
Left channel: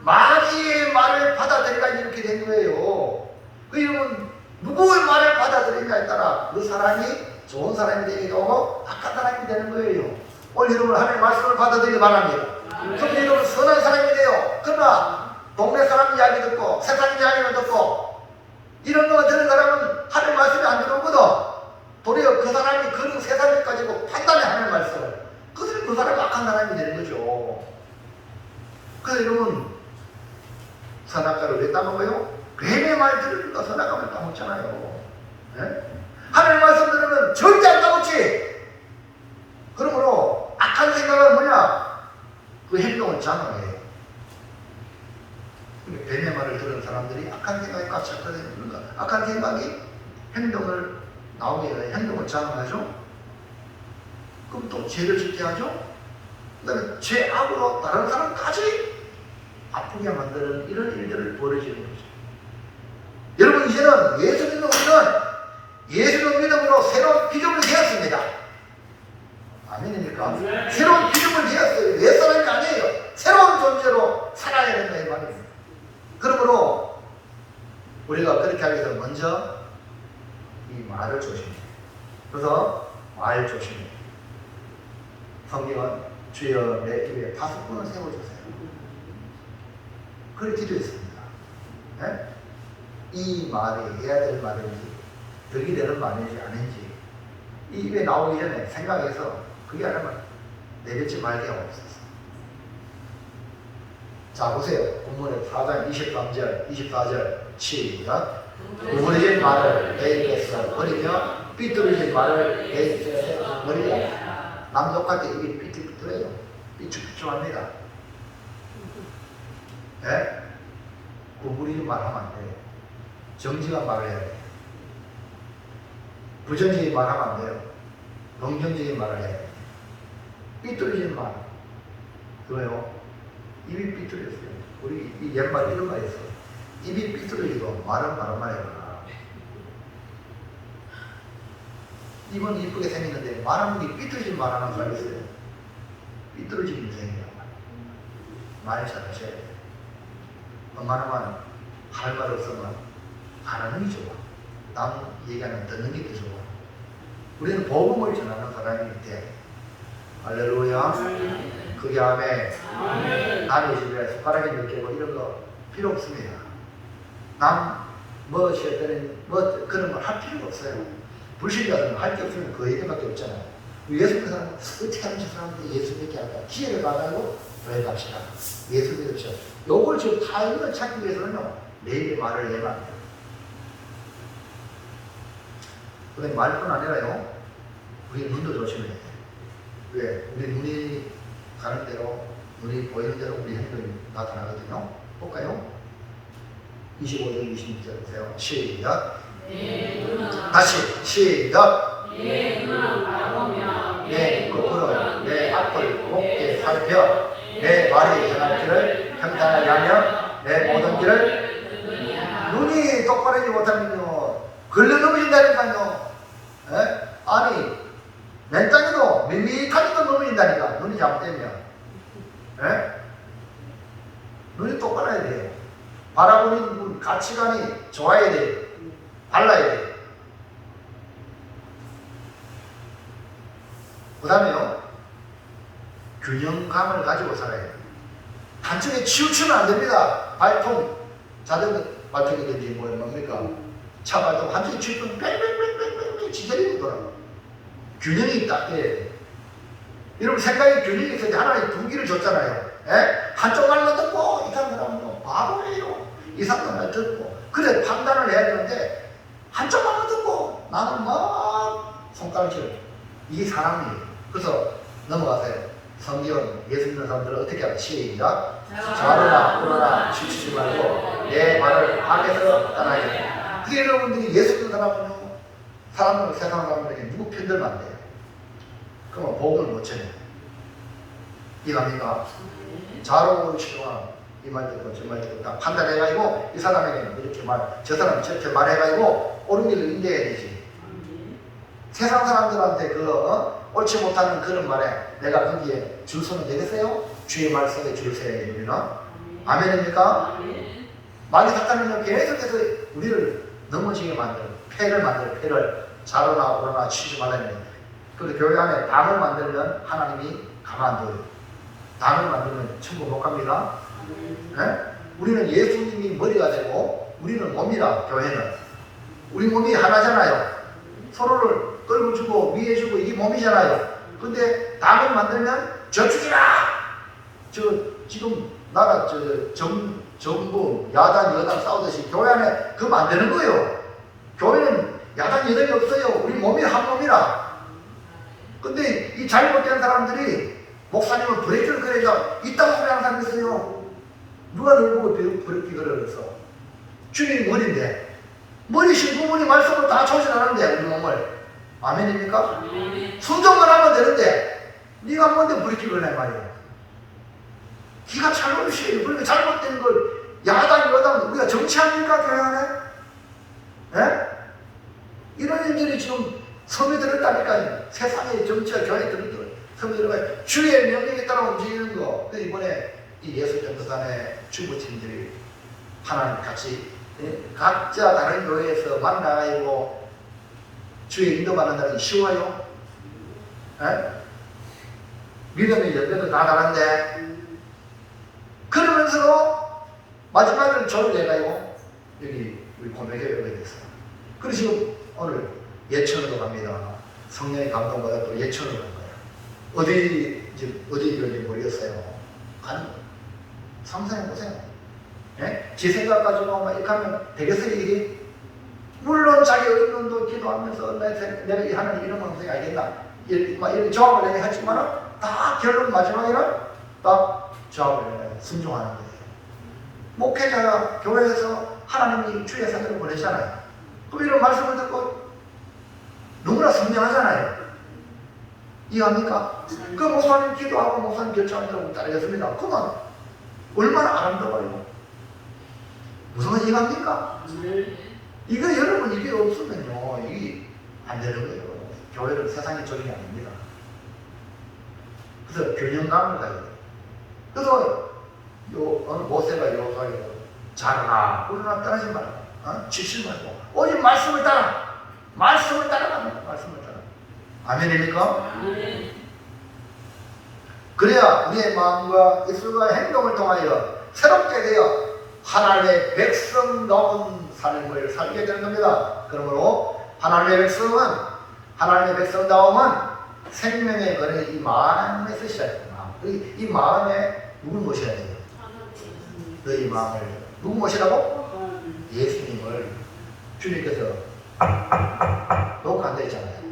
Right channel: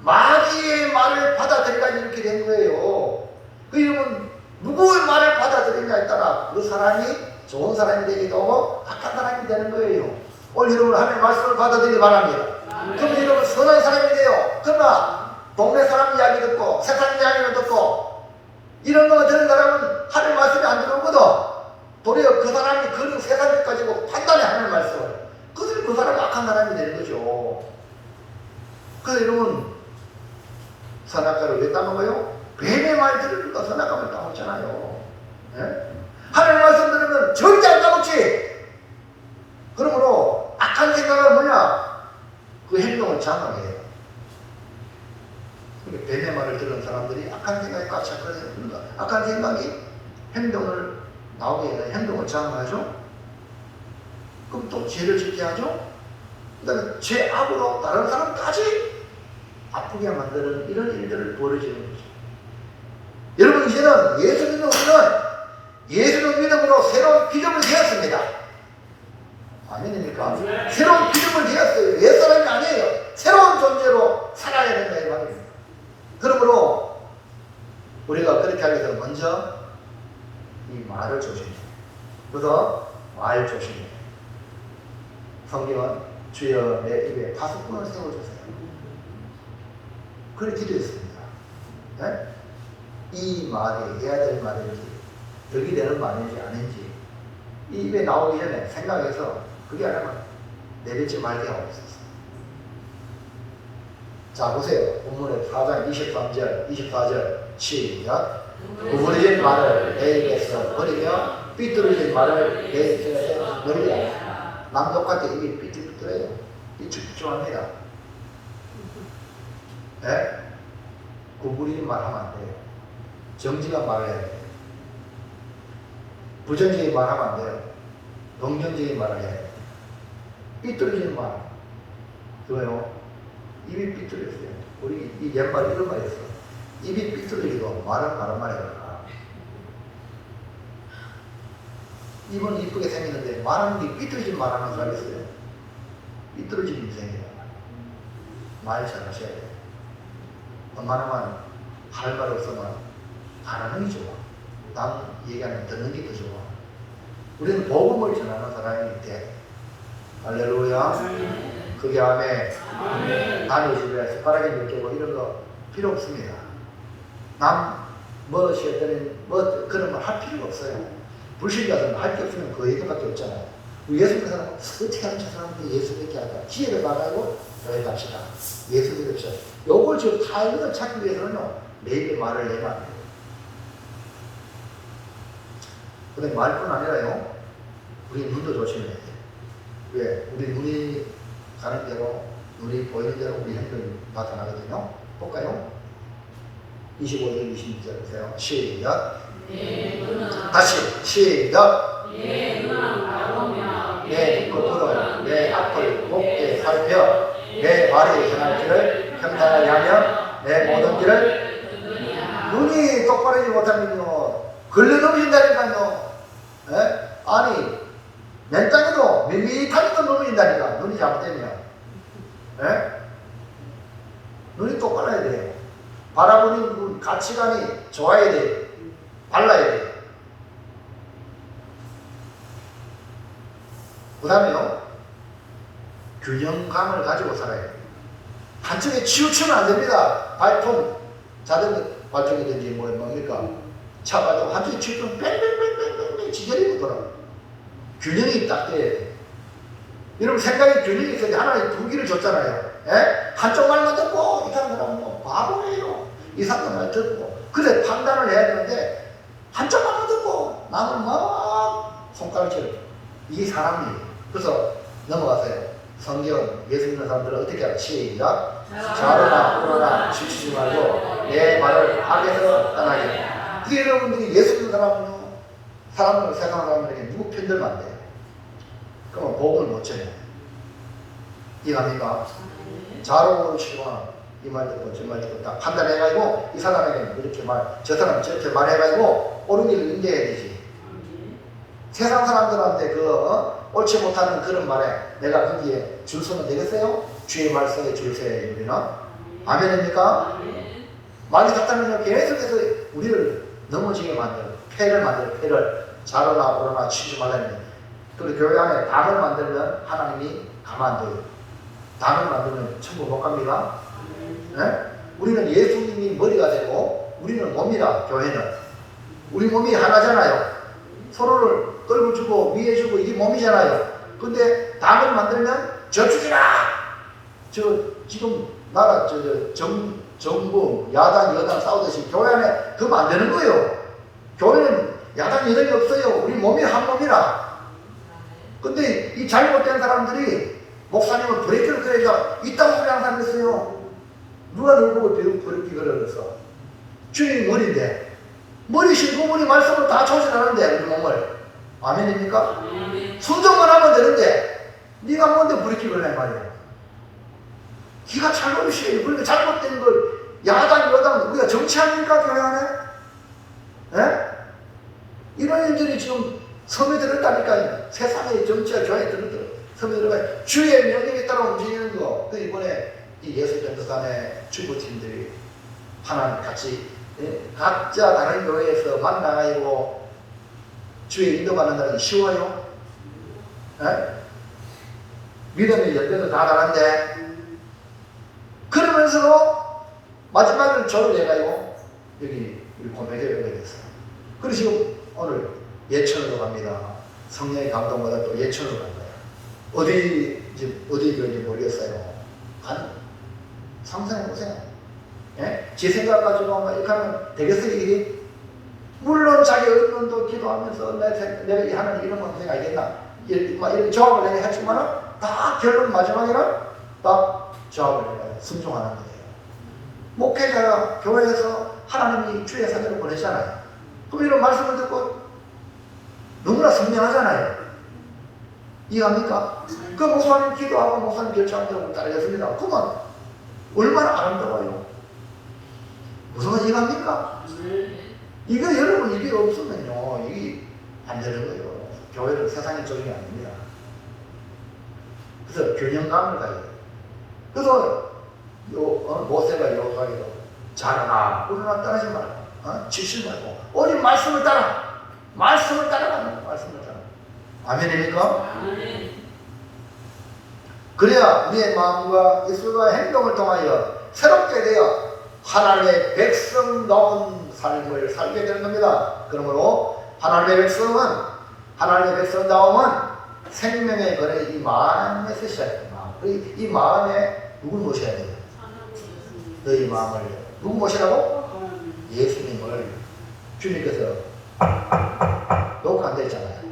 마귀의 말을 받아들이다 이렇게 된 거예요. 그 여러분, 누구의 말을 받아들이냐에 따라 그 사람이 좋은 사람이 되기도 하고 악한 사람이 되는 거예요. 오늘 여러분 하나님의 말씀을 받아들이기 바랍니다. 그럼 여러분 선한 사람이 돼요. 그러나 동네 사람 이야기 듣고 세상 이야기를 듣고 이런 거 들은 사람은 하나님 말씀이 안 들어오거든. 도리어 그 사람이 그런 세상을 가지고 판단해 하나님 말씀을. 그들이 그 사람이 악한 사람이 되는 거죠. 그래서 여러분 선악과를 왜 따먹어요? 뱀의 말 들으니까 선악과를 따먹잖아요. 예? 하나님 말씀 들으면 절대 안 따먹지. 그러므로 악한 생각은 뭐냐? 그 행동을 장악해요. 뱀의 말을 들은 사람들이 악한 생각에 꽉찼거든요. 그러니까 악한 생각이 행동을 나오게 해요. 행동을 장악하죠. 그럼 또 죄를 짓게 하죠. 그 다음에 죄악으로 다른 사람까지 아프게 만드는 이런 일들을 벌여지는 거죠. 여러분 이제는 예수 믿는 우리는 예수를 믿음으로 새로운 피조물이 되었습니다. 아멘입니까? 새로운 피조물이 되었어요. 옛 사람이 아니에요. 새로운 존재로 살아야 된다는 말입니다. 그러므로 우리가 그렇게 하기 위해서 먼저 이 말을 조심해요. 그래서 말 조심해요. 성경은 주여 내 입에 파수꾼을 세워주세요. 그렇게 기도했습니다. 네? 이 말이 해야 될 말인지 덕이 되는 말인지 아닌지 이 입에 나오기 전에 생각해서 그게 아니면 내뱉지 말게 없었어. 자 보세요. 본문의 4장 23절 24절 시작. 구부러진 말을 내 입에서 버리며 삐뚤어진 말을 내 입에서 버리라. 남독한테 입이 삐뚤삐뚤해요. 삐뚤삐뚤합니다. 네? 구부리는 말 하면 안 돼요. 정직한 말을 해야 돼요. 부정적인 말 하면 안 돼요. 긍정적인 말을 해야 돼요. 삐뚤어진 말. 왜요? 입이 삐뚤어졌어요. 우리 이 옛말 이런 말 있어. 입이 삐뚤어지고 말은 해요. 입은 이쁘게 생겼는데 말하는 게 삐뚤어진 말 하는 사람이 있어요. 삐뚤어진 인생이에요. 말 잘하셔야 돼요. 웬만하면 할 말 없으면 안 하는 게 좋아. 남 얘기하면 듣는 게 더 좋아. 우리는 복음을 전하는 사람이기 때문에 할렐루야. 그게 아멘. 남의 집에 숟가락에 넣고 이런 거 필요 없습니다. 남 뭐시었더니 뭐 그런 걸 할 필요가 없어요. 불신자들은 할 게 없으면 그 얘기밖에 없잖아요. 예수 믿는 사람은 어떻게 하는 저 사람한테 예수 믿게 할까? 기회를 받아도 여행합시다. 예수 믿으죠. 요걸 지금 타이밍을 찾기 위해서는요, 내 입의 말을 내면 안 돼요. 근데 말뿐 아니라요, 우리 눈도 조심해야 돼요. 왜? 우리 눈이 가는 대로, 눈이 보이는 대로 우리 행동이 나타나거든요. 볼까요? 25절, 26절 보세요. 시작. 다시 시작. 내 눈은 바라보며 내 겉으로 내 앞을 곱게 살펴 내 말이 행할 길을 평탄하게 하며 내 모든 길을 눈이 똑바르지 못하면요 걸려넘어진다니까요. 아니 맨 땅에도 밋밋하게도 넘어진다니까. 눈이 잘못되면 눈이 똑바라야 돼요. 바라보는 눈 가치관이 좋아야 돼요. 달라야 돼요. 그 다음에요, 균형감을 가지고 살아야 돼요. 한쪽에 치우치면 안 됩니다. 발통, 자전거 발통이든지 뭡니까? 차 발통, 한쪽에 치우치면 뺑뺑뺑뺑뺑 지저리고 돌아요. 균형이 딱 돼야 돼요. 여러분 생각에 균형이 있어야 돼. 하나님 두 길을 줬잖아요. 한쪽 말만 듣고 이 사람은 바보예요. 이 사람 말 듣고 그래 판단을 해야 되는데 한쪽 말만 듣고 나는 막 손가락질 이게 사람이에요. 그래서 넘어가세요. 성경 예수 믿는 사람들은 어떻게 하나? 시작. 좌로나 우로나 지치지 말고 내 말을 악에서 떠나게. 그게 여러분들이 예수 믿는 사람은요, 사람을 세상 사람들에게 누구 편들면 안 돼요. 그러면 복음을 못 전해요. 이해합니까? 좌로 치거나 이 말 듣고 저 말 듣고 딱 판단해가지고 이 사람에게 이렇게 저 사람 저렇게 말해가지고 옳은 길을 인도해야 되지. 세상 사람들한테 옳지 못하는 그런 말에 내가 거기에 줄 서면 되겠어요? 주의 말씀에 줄 서야 우리는. 아멘입니까? 말이 닥다면 계속해서 우리를 넘어지게 만들어 패를 좌로나 우로나 치지 말라는 거예요. 그리고 교회 안에 당을 만들면 하나님이 가만 안 둬요. 당을 만들면 천국 못 갑니다. 우리는 예수님이 머리가 되고 우리는 몸이라. 교회는 우리 몸이 하나잖아요. 서로를 끌고 주고 위해 주고 이게 몸이잖아요. 근데 당을 만들면 저주지라. 지금 나라 정부 야당 여당 싸우듯이 교회 안에 그거 안 되는 거예요. 교회는 야당 여당이 없어요. 우리 몸이 한 몸이라. 근데 이 잘못된 사람들이 목사님은 브레이크를 걸어야 이딴 소리 하는 사람이 있어요. 누가 널 보고 브레이크 걸어서. 주님이 머리인데 머리 신부모니 말씀을 다 조절하는데 우리 몸을. 아멘입니까? 순종만 하면 되는데 네가 뭔데 브레이크 걸어야 말이에요. 기가 잘못이에요. 그러니까 잘못된 걸 야당 여당 우리가 정치합니까 교회 안에? 예? 이런 일들이 지금 섬에 들었다니까요. 세상의 정치와 교회에 들었더라. 섬에 들어가요. 주의 명령에 따라 움직이는 거. 그 이번에 이 예수전도단의 주부팀들이 하나님 같이 각자 다른 교회에서 만나가지고 주의 인도받는다는 게 쉬워요? 예? 믿음의 열매도 다 다른데 그러면서도 마지막에는 저를 내가지고 여기 우리 고백에 오게 됐어요. 그래서 지금 오늘 예천으로 갑니다. 성령의 감동받아 또 예천으로 간 거예요. 어디인지 모르겠어요. 가는 거예요. 상상해보세요. 예? 제 생각 가지고 막 이렇게 하면 되겠어요, 일이? 물론 자기 의논도 기도하면서 내가 하는 이런 건 생각하겠나? 이런 조합을 내가 했지만은 다 결론 마지막에는 딱 조합을 순종하는 거예요. 목회자가 교회에서 하나님이 주의 사역을 보내잖아요. 그럼 이런 말씀을 듣고 너무나 선명하잖아요. 이해합니까? 그 목사님 기도하고 목사님 결정하려고 따르겠습니다. 그만 얼마나 아름다워요. 무슨 말 이해합니까? 이거 여러분 이게 없으면요 이게 안 되는 거예요. 교회는 세상의 조정이 아닙니다. 그래서 균형감을 가야 돼요. 그래서 모세가 여호와에게 자라나 우리나 따르지 마라. 지실 말고 오직 말씀을 따라. 말씀을 따라가는 말씀을 따라. 아멘입니까? 그래야 우리의 마음과 입술과 행동을 통하여 새롭게 되어 하나님의 백성다운 삶을 살게 되는 겁니다. 그러므로 하나님의 백성다움은 생명의 근원이 이 마음에서 시작됩니다. 이 마음에 누굴 모셔야 돼요? 너희 마음을 누구 모시라고? 예수님을. 주님께서 녹화 안 되어 있잖아요.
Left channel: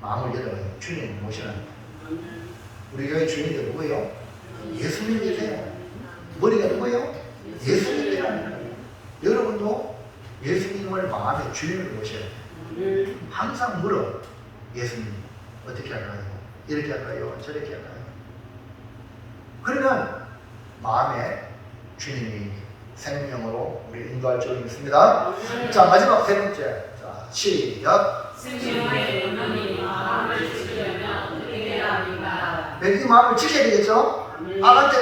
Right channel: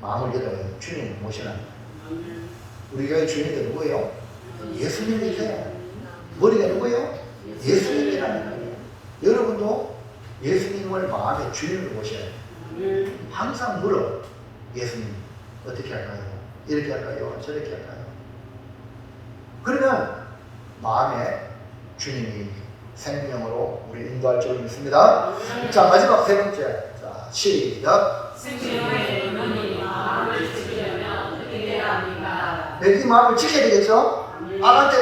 마음을 열어요. 주님 모시는. 우리 교회 주님이 누구예요? 예수님이세요. 머리가 누구예요? 예수님이라는 거예요. 여러분도 예수님을 마음에 주님을 모셔야 돼요. 항상 물어. 예수님 어떻게 할까요? 이렇게 할까요? 저렇게 할까요? 그러면 마음에 주님이 생명으로 우리 인도할 줄 믿습니다. 자, 마지막 세 번째. 자, 시작. 생명의 근원이 마음을 지키려면 어떻게 해야 합니까? 내 마음을 지켜야 되겠죠? 악한테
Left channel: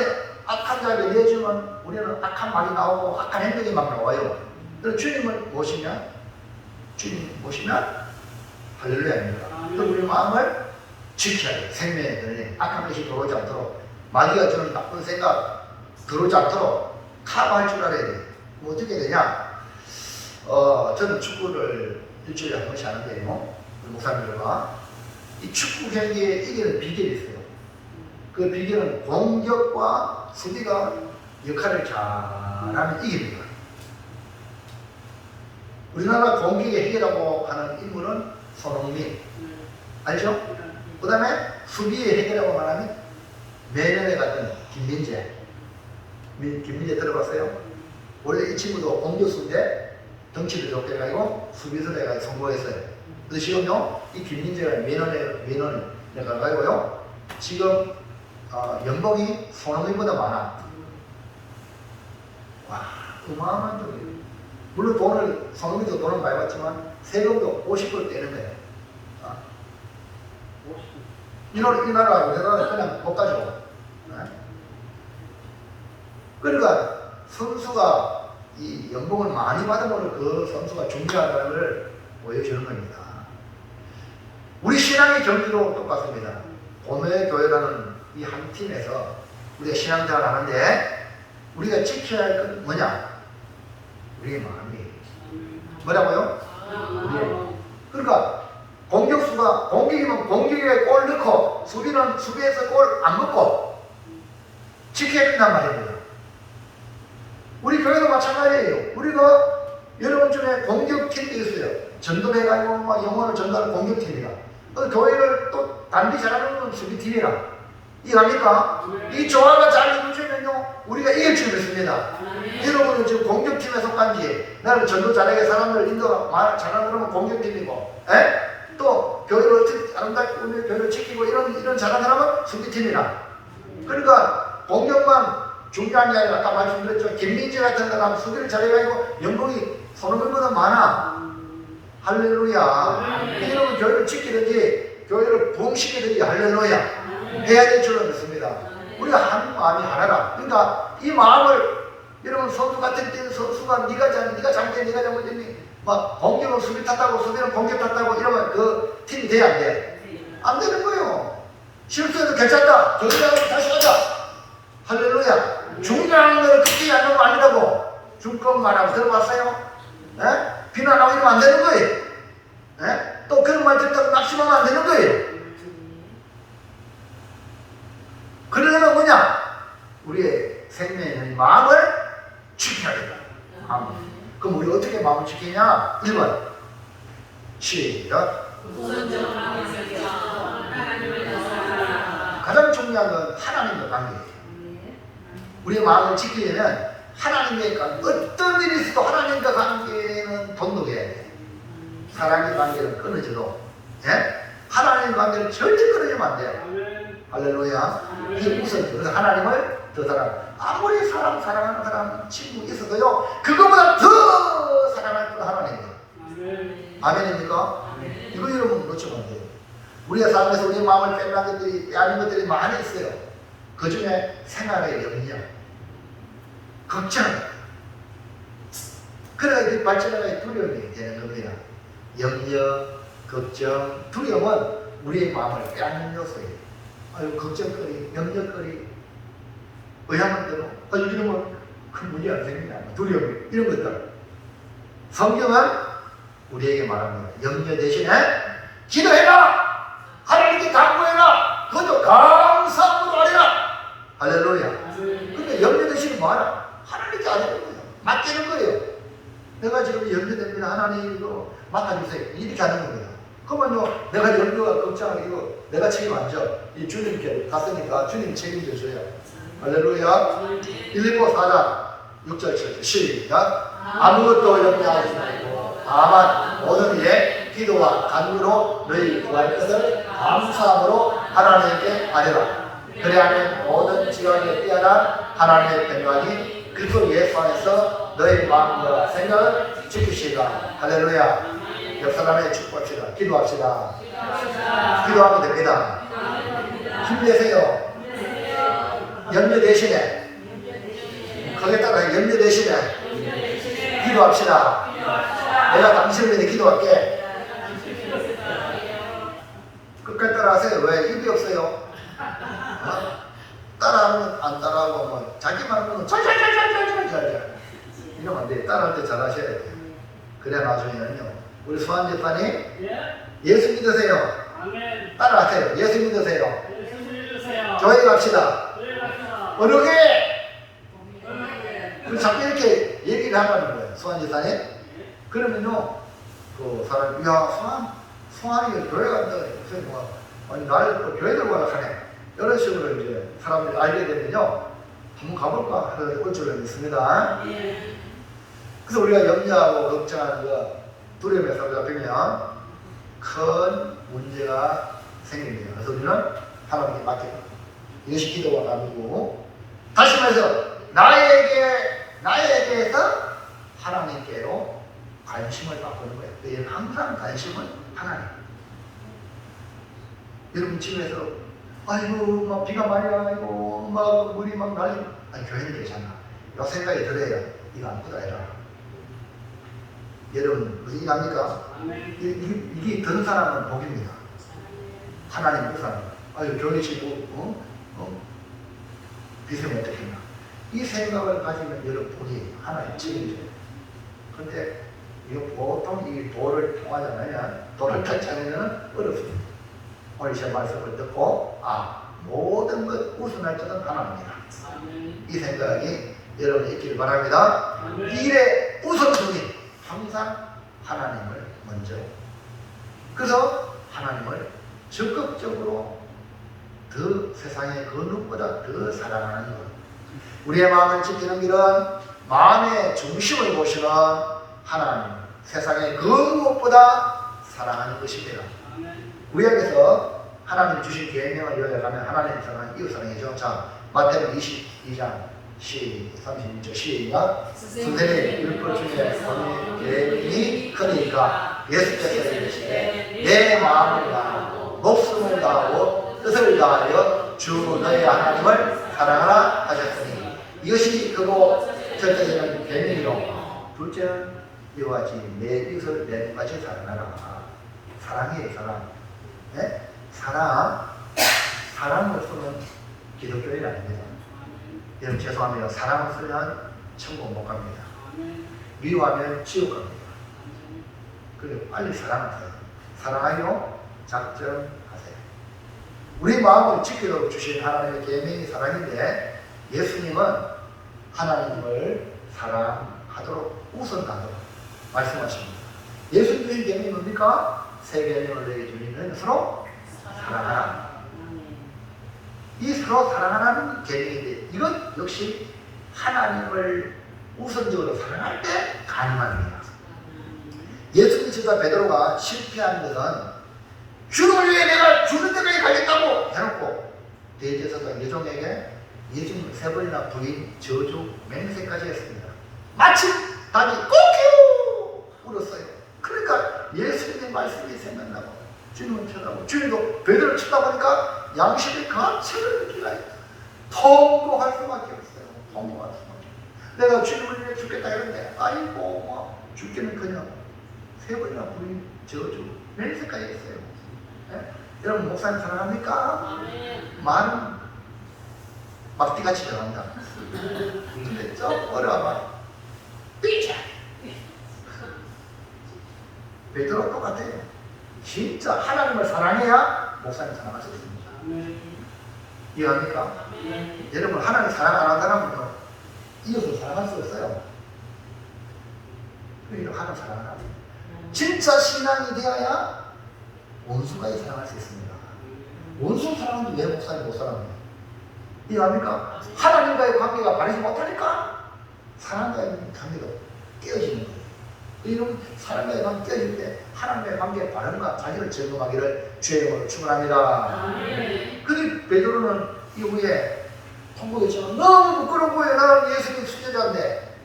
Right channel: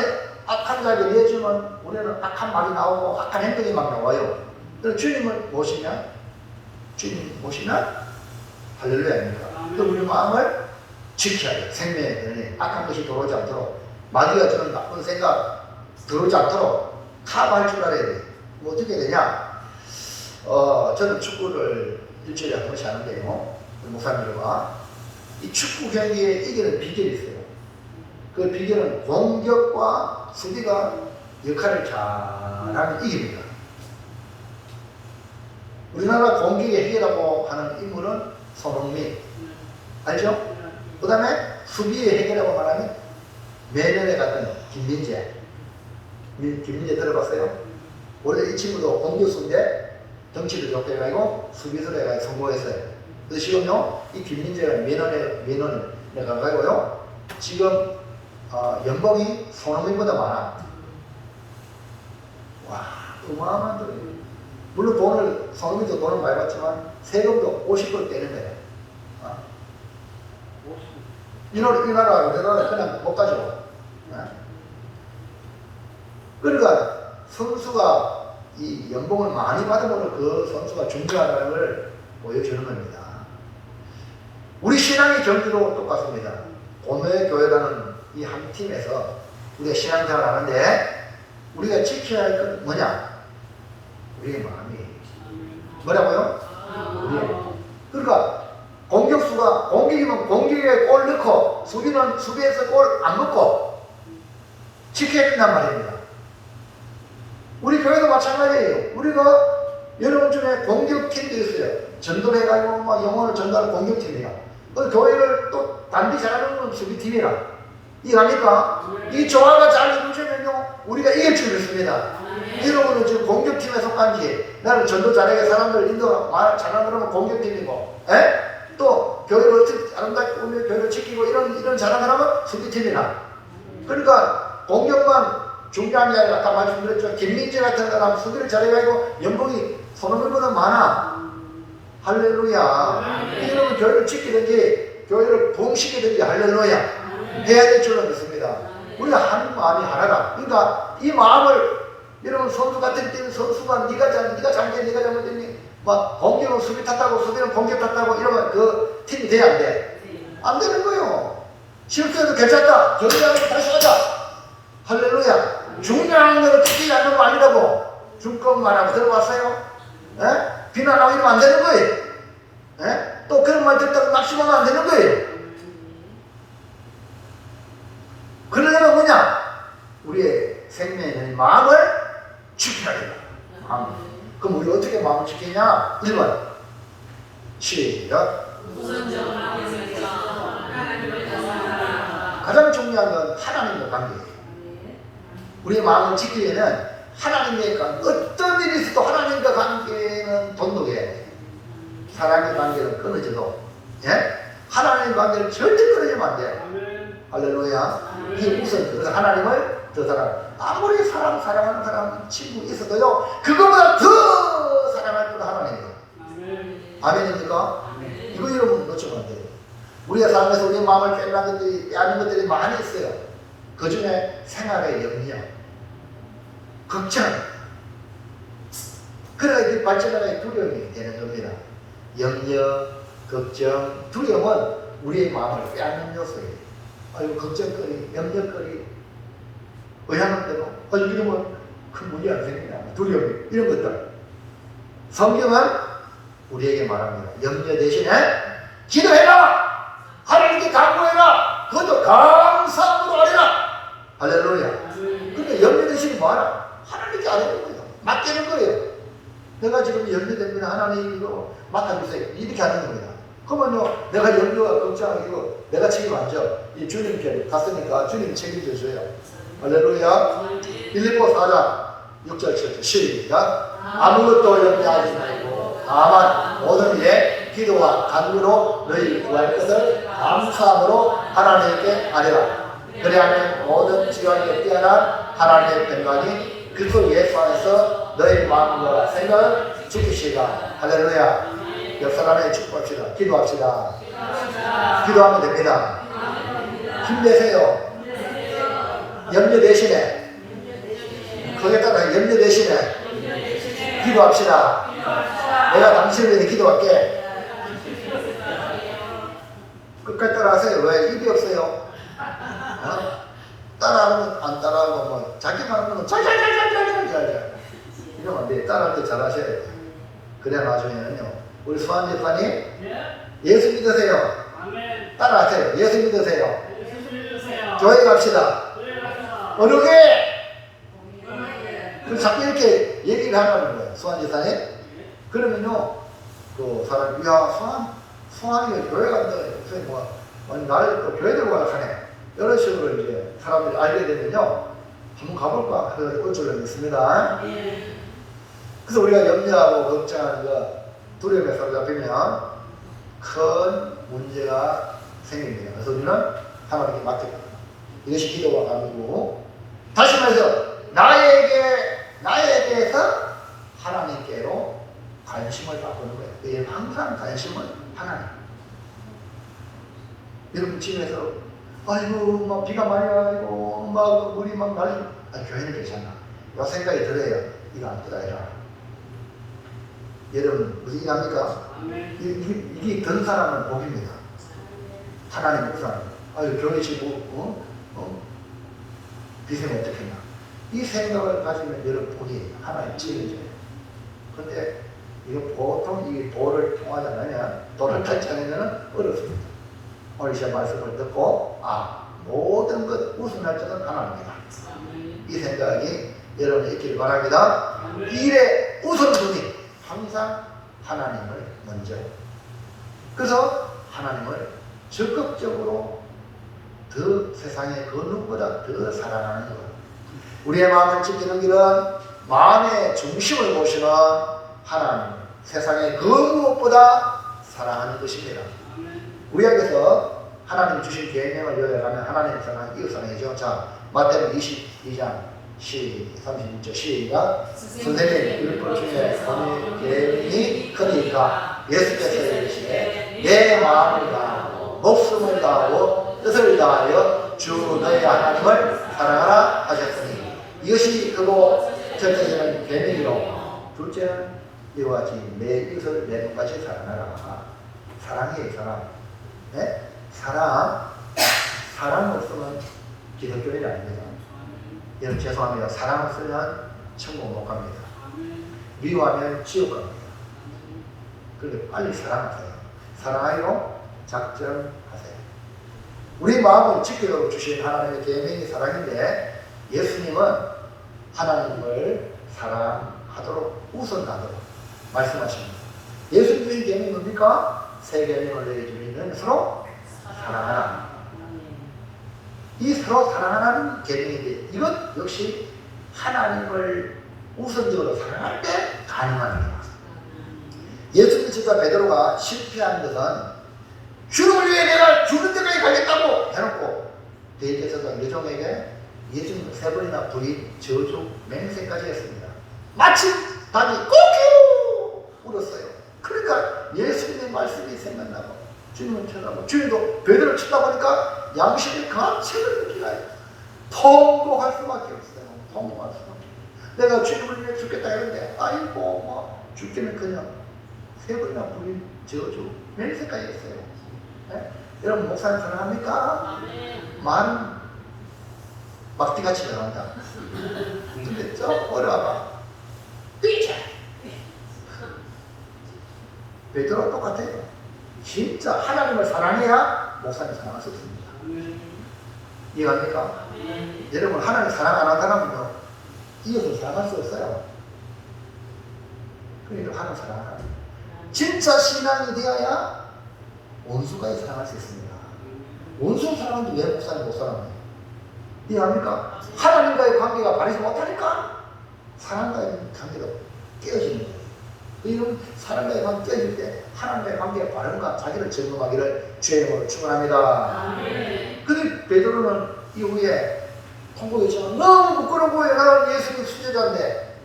악한 자를 내주면 우리는 악한 말이 나오고 악한 행동이 막 나와요. 그래서 주님을 모시면 할렐루야입니다. 그럼 우리 마음을 지켜야 돼요. 생명의 근원이 악한 것이 들어오지 않도록 마귀가 주는 나쁜 생각 들어오지 않도록 커버할 줄 알아야 돼요. 뭐 어떻게 되냐? 저는 축구를 일주일에 한 번씩 하는데요. 우리 목사님들과 이 축구 경기에 이기는 비결이 있어요. 그 비결은 공격과 수비가 역할을 잘하는 이깁니다. 우리나라 공격의 해결이라고 하는 인물은 손흥민. 알죠? 그 다음에 수비의 해결이라고 말하면 매년에 갔던 김민재. 김민재 들어봤어요? 원래 이 친구도 공격수인데 덩치도 좋게 해가지고 수비수로 해가지고 성공했어요. 그래서 지금요, 이 김민재가 매년에 가가지고요, 지금 연봉이 손흥민보다 많아. 와, 어마어마한 돈이에요. 물론 손흥민도 돈을 많이 받지만 세금도 50% 떼는 거예요. 이 나라 우리나라 그냥 못 가죠. 그러니까 선수가 이 연봉을 많이 받으므로 그 선수가 중요하다는 걸 보여주는 겁니다. 우리 신앙의 경기도 똑같습니다. 고매교회라는 이 한 팀에서 우리가 신앙생활 하는데 우리가 지켜야 할 건 뭐냐? 우리의 마음이에요. 뭐라고요? 우리의 마음. 그러니까 공격수가 공격이면 공격에 골 넣고 수비는 수비에서 골 안 넣고 지켜야 된단 말입니다. 우리 교회도 마찬가지예요. 우리가 여러분 중에 공격팀이 있어요. 전도해가지고 막 영혼을 전도하는 공격팀이라. 그 교회를 또 단디 잘하는 건 수비팀이라. 이해합니까? 이 조화가 잘 이루어지면요 우리가 이길 줄 믿습니다. 여러분은 지금 공격팀에 속한지 나는 전도 잘하게 사람들 인도 잘하는 그러면 공격팀이고 또 교회를 어떻게 아름답게 우리 교회를 지키고 이런 잘하는 사람은 수비팀이라. 그러니까 공격만 중요한 게 아니라 아까 말씀드렸죠. 김민재 같은 사람 수비를 잘해가지고 연봉이 손흥민보다 많아. 할렐루야. 여러분 교회를 지키든지 교회를 부흥시키든지 할렐루야 해야 될 줄로 믿습니다. 우리가 한 마음이 하나라. 그러니까 이 마음을 여러분 선수 같은 팀 선수가 네가 잘못했니 막 공격은 수비 탓하고 수비는 공격 탓하고 이러면 그 팀이 돼야 안 돼? 안 되는 거예요. 실수해도 괜찮다. 경기하고 다시 하자. 할렐루야. 중요한 거는 크게 하는 거 아니라고. 중kom만 하고 들어봤어요? 비난하고 이러면 안 되는 거예요. 또 그런 말 듣다가 낙심하면 안 되는 거예요. 그러려면 뭐냐? 우리의 생명의 마음을 지켜야 된다. 그럼 우리 어떻게 마음을 지키냐? 1번 시작. 가장 중요한 건 하나님과 관계예요. 우리의 마음을 지키려면 하나님과 어떤 일이 있어도 하나님과 관계는 돈독해야 돼. 사람의 관계는 끊어져도 하나님의 관계는 절대 끊어지면 안 돼요. 할렐루야. 이게 우선 그래서 하나님을 더 아무리 사랑하는 사람 친구 있어도요 그거보다 더 사랑할 건 하나님이에요. 아멘입니까? 이거 여러분 놓치면 안 돼요. 우리가 살면서 우리의 마음을 빼앗는 것들이 많이 있어요. 그 중에 생활의 염려, 걱정, 그래야 이게 발전하는 두려움이 되는 겁니다. 염려, 걱정, 두려움은 우리의 마음을 빼앗는 요소예요. 아유, 걱정거리, 염려거리, 의향은 대로, 이러면 큰 문제 안 생기냐, 두려움, 이런 것들. 성경은 우리에게 말합니다. 염려 대신에 기도해라! 하나님께 간구해라! 그것도 감사함으로 하리라! 할렐루야. 근데 염려 대신에 뭐하라? 하나님께 안 하는 거예요. 맡기는 거예요. 내가 지금 염려됩니다. 하나님으로 맡아주세요. 이렇게 하는 겁니다. 그러면요, 내가 염려와 걱정하고 내가 책임 안 져. 이 주님께 갔으니까 주님 책임져 줘요. 할렐루야. 빌립보 4장 6절 7절 시작. 아무것도 염려하지 말고 다만 모든 일에 기도와 간구로 너희 구할 것을 감사함으로 하나님께 아뢰라. 그래야면 모든 지원에 뛰어난 하나님의 평강이 그리스도 예수 안에서 너희 마음과 생각을 지키시다. 할렐루야. 옆 사람에게 축복합시다. 기도합시다. 기도하면 됩니다. 힘내세요. 염려 대신에 거기에 따라 염려 대신에 기도합시다. 내가 당신을 위해 기도할게. 끝까지 따라하세요. 왜? 입이 없어요. 따라하면 안 따라하고 뭐 자기만 하면 잘 이러면 안 돼. 따라할 때 잘 하셔야 돼요. 그래 나중에는요. 우리 소환 집사님 예수 믿으세요. 따라하세요. 예수 믿으세요. 교회 갑시다. 어렵게 자꾸 이렇게 얘기를 하라는 거예요. 소환 집사님. 그러면요 그 사람이 야 소환이 교회 간다. 아니 나를 또 교회 들고 가네. 이런 식으로 이제 사람들이 알게 되면요 한번 가볼까 하는 꼴줄을 있습니다. 그래서 우리가 염려하고 걱정하는 거 두려움에 사로잡히면 큰 문제가 생깁니다. 그래서 우리는 하나님께 맡깁니다. 이것이 기도가 아니고 다시 말해서 나에 대해서 하나님께로 관심을 바꾸는 거예요. 그게 항상 관심은 하나님. 여러분 집에서 아이고 막 비가 많이 와가지고 막 물이 막 날리고 교회는 괜찮아. 요 생각이 들어야 이거 안 뜨다야. 여러분 무슨 일 합니까? 이게 든 사람은 복입니다. 하나님 못 사는. 아유 교회 지고 비세면 어떻겠나. 이 생각을 가지면 여러분이 하나님 책임져요. 근데 이거 보통 이 도를 통하지 않으면, 도를 터치하면 어렵습니다. 오늘 제 말씀을 듣고, 모든 것 우선할 자는 하나님이다. 이 생각이 여러분이 있길 바랍니다. 일의 우선순위, 항상 하나님을 먼저. 그래서 하나님을 적극적으로 더 세상의 그 누구보다 더 사랑하는 것. 우리의 마음을 지키는 길은 마음의 중심을 보시는 하나님, 세상의 그 무엇보다 사랑하는 것입니다. 우리에게서 하나님 주신 계명을 요약하면 하나님 사랑, 이웃 사랑이죠. 자, 마태복음 22장 36절 시작. 선생님, 율법 중에 본인 계명이 크니까 예수께서 이르시되 내 마음을 다하고 목숨을 다하고 뜻을 다하여 주 너의 하나님을 사랑하라 하셨으니 이것이 크고 첫째는 계명이로, 둘째는 이와 같이 내 이웃을 내 눈같이 사랑하라. 사랑이에요, 사랑. 네? 사랑 없으면 기독교인이 아닙니다. 여러분 죄송합니다. 사랑 없으면 천국 못 갑니다. 미워하면 지옥 갑니다. 그래서 빨리 사랑하세요. 사랑하기로 작정하세요. 우리 마음을 지키도록 주신 하나님의 계명이 사랑인데, 예수님은 하나님을 사랑하도록 우선하도록 말씀하십니다. 예수님 주신 계명이 뭡니까? 새 계명을 내주는 서로 사랑하라. 이 서로 사랑하라는 계명인데, 이것 역시 하나님을 우선적으로 사랑할 때 가능한 겁니다. 예수 그리스도와 베드로가 실패한 것은 주를 위해 내가 죽을 때까지 가겠다고 해놓고 대제사장 예종에게 예수님을 3번이나 부인 저주 맹세까지 했습니다. 마침 답이 꼬끼 울었어요. 그러니까 예수님의 말씀이 생각나고 주님을 쳐다보고, 주님도 베드로를 쳐다보니까 양심이 가치를 느끼나요? 통곡할 수밖에 없어요. 통곡할 수밖에 없어요. 내가 주님을 위해 죽겠다 했는데 아이고 뭐 죽기는커녕 3번이나 부인 저주 맹세까지 했어요. 네? 여러분 목사님 사랑합니까? 말은 막띠같이 잘합니다. 근데 좀 어려워봐. 삐져! 베드로 똑같아요. 진짜 하나님을 사랑해야 목사님 사랑할 수 있습니다. 이해합니까? 여러분 하나님 사랑 안 하는 사람은요, 이웃을 사랑할 수 없어요. 그러니까 하나님 사랑하라. 진짜 신앙이 되어야 원수까지 사랑할 수 있습니다. 원수 사랑하는데 왜 목사님 못 사랑해요? 이해합니까? 하나님과의 관계가 바르지 못하니까 사람과의 관계가 깨어지는 거예요. 이런 사람과의 관계 깨어질 때 하나님과의 관계가 바른가 자기를 점검하기를 주의 이름으로 축원합니다. 근데 베드로는 이후에 통곡했지만 너무 부끄러운 거예요. 나는 예수님 수제자인데.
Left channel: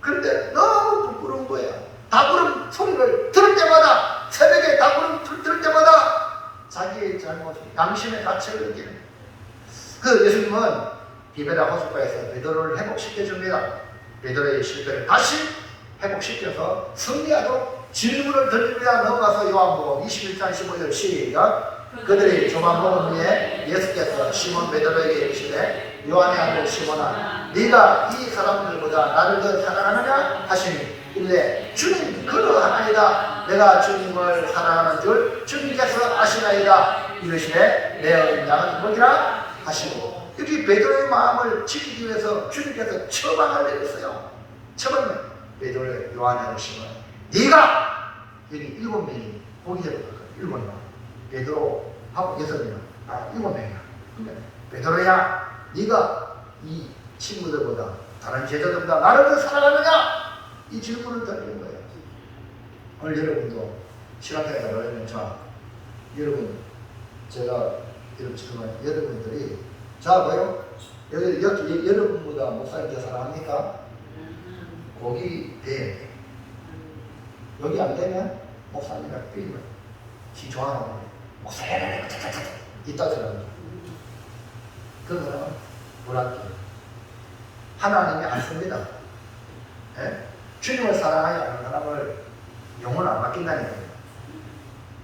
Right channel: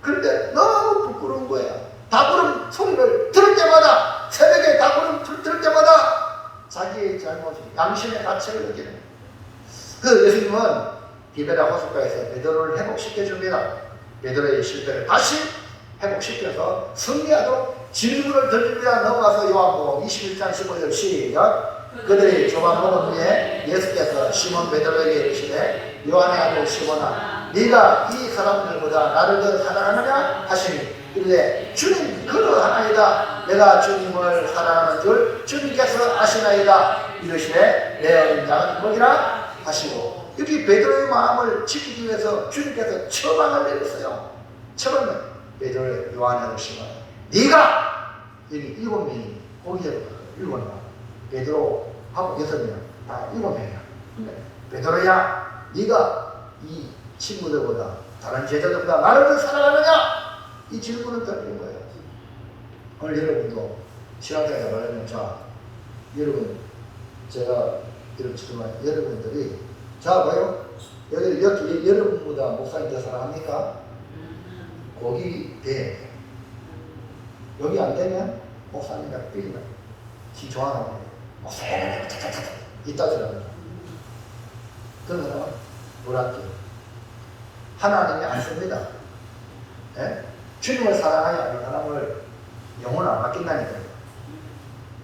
그런데 너무 부끄러운 거예요. 다구름 소리를 들을 때마다, 새벽에 다구름 들을 때마다 자기의 잘못, 양심의 가책을 느끼는 거예요. 그 예수님은 디베라 호숫가에서 베드로를 회복시켜줍니다. 베드로의 실패를 다시 회복시켜서 승리하도록 질문을 던집니다. 넘어가서 요한복음 21장 15절 시작. 그들이 조각 먹은 후에 예수께서 시몬 베드로에게 이르시되 요한의 아들 시몬아, 네가 이 사람들보다 나를 더 사랑하느냐 하시니 이르되 주님 그러하나이다. 내가 주님을 사랑하는 줄 주님께서 아시나이다. 이르시되 내 어린 양은 뭐니라 하시고, 여기 베드로의 마음을 지키기 위해서 주님께서 처방을 내렸어요. 처방은 베드로의 요한의 아들 시몬, 네가 여기 7명이 보기에 7명, 베드로하고 6명, 7명이야. 근데 베드로야, 네가 이 친구들보다 다른 제자들보다 나를 더 사랑하느냐? 이 질문을 던진 거예요. 오늘 여러분도 신학교에 나가면, 자, 여러분, 제가 이런 질문, 여러분들이, 자, 뭐요? 여기 여러분보다 목사님 더 사랑합니까? 거기 돼야 돼. 여기 안 되면 목사님과 삐리면 기초하라고 목사님 이따 들어가요. 그런 사람은 불합기. 하나님이 안 씁니다. 예? 주님을 사랑하지 않는 사람을 영혼 안 맡긴다는 거예요.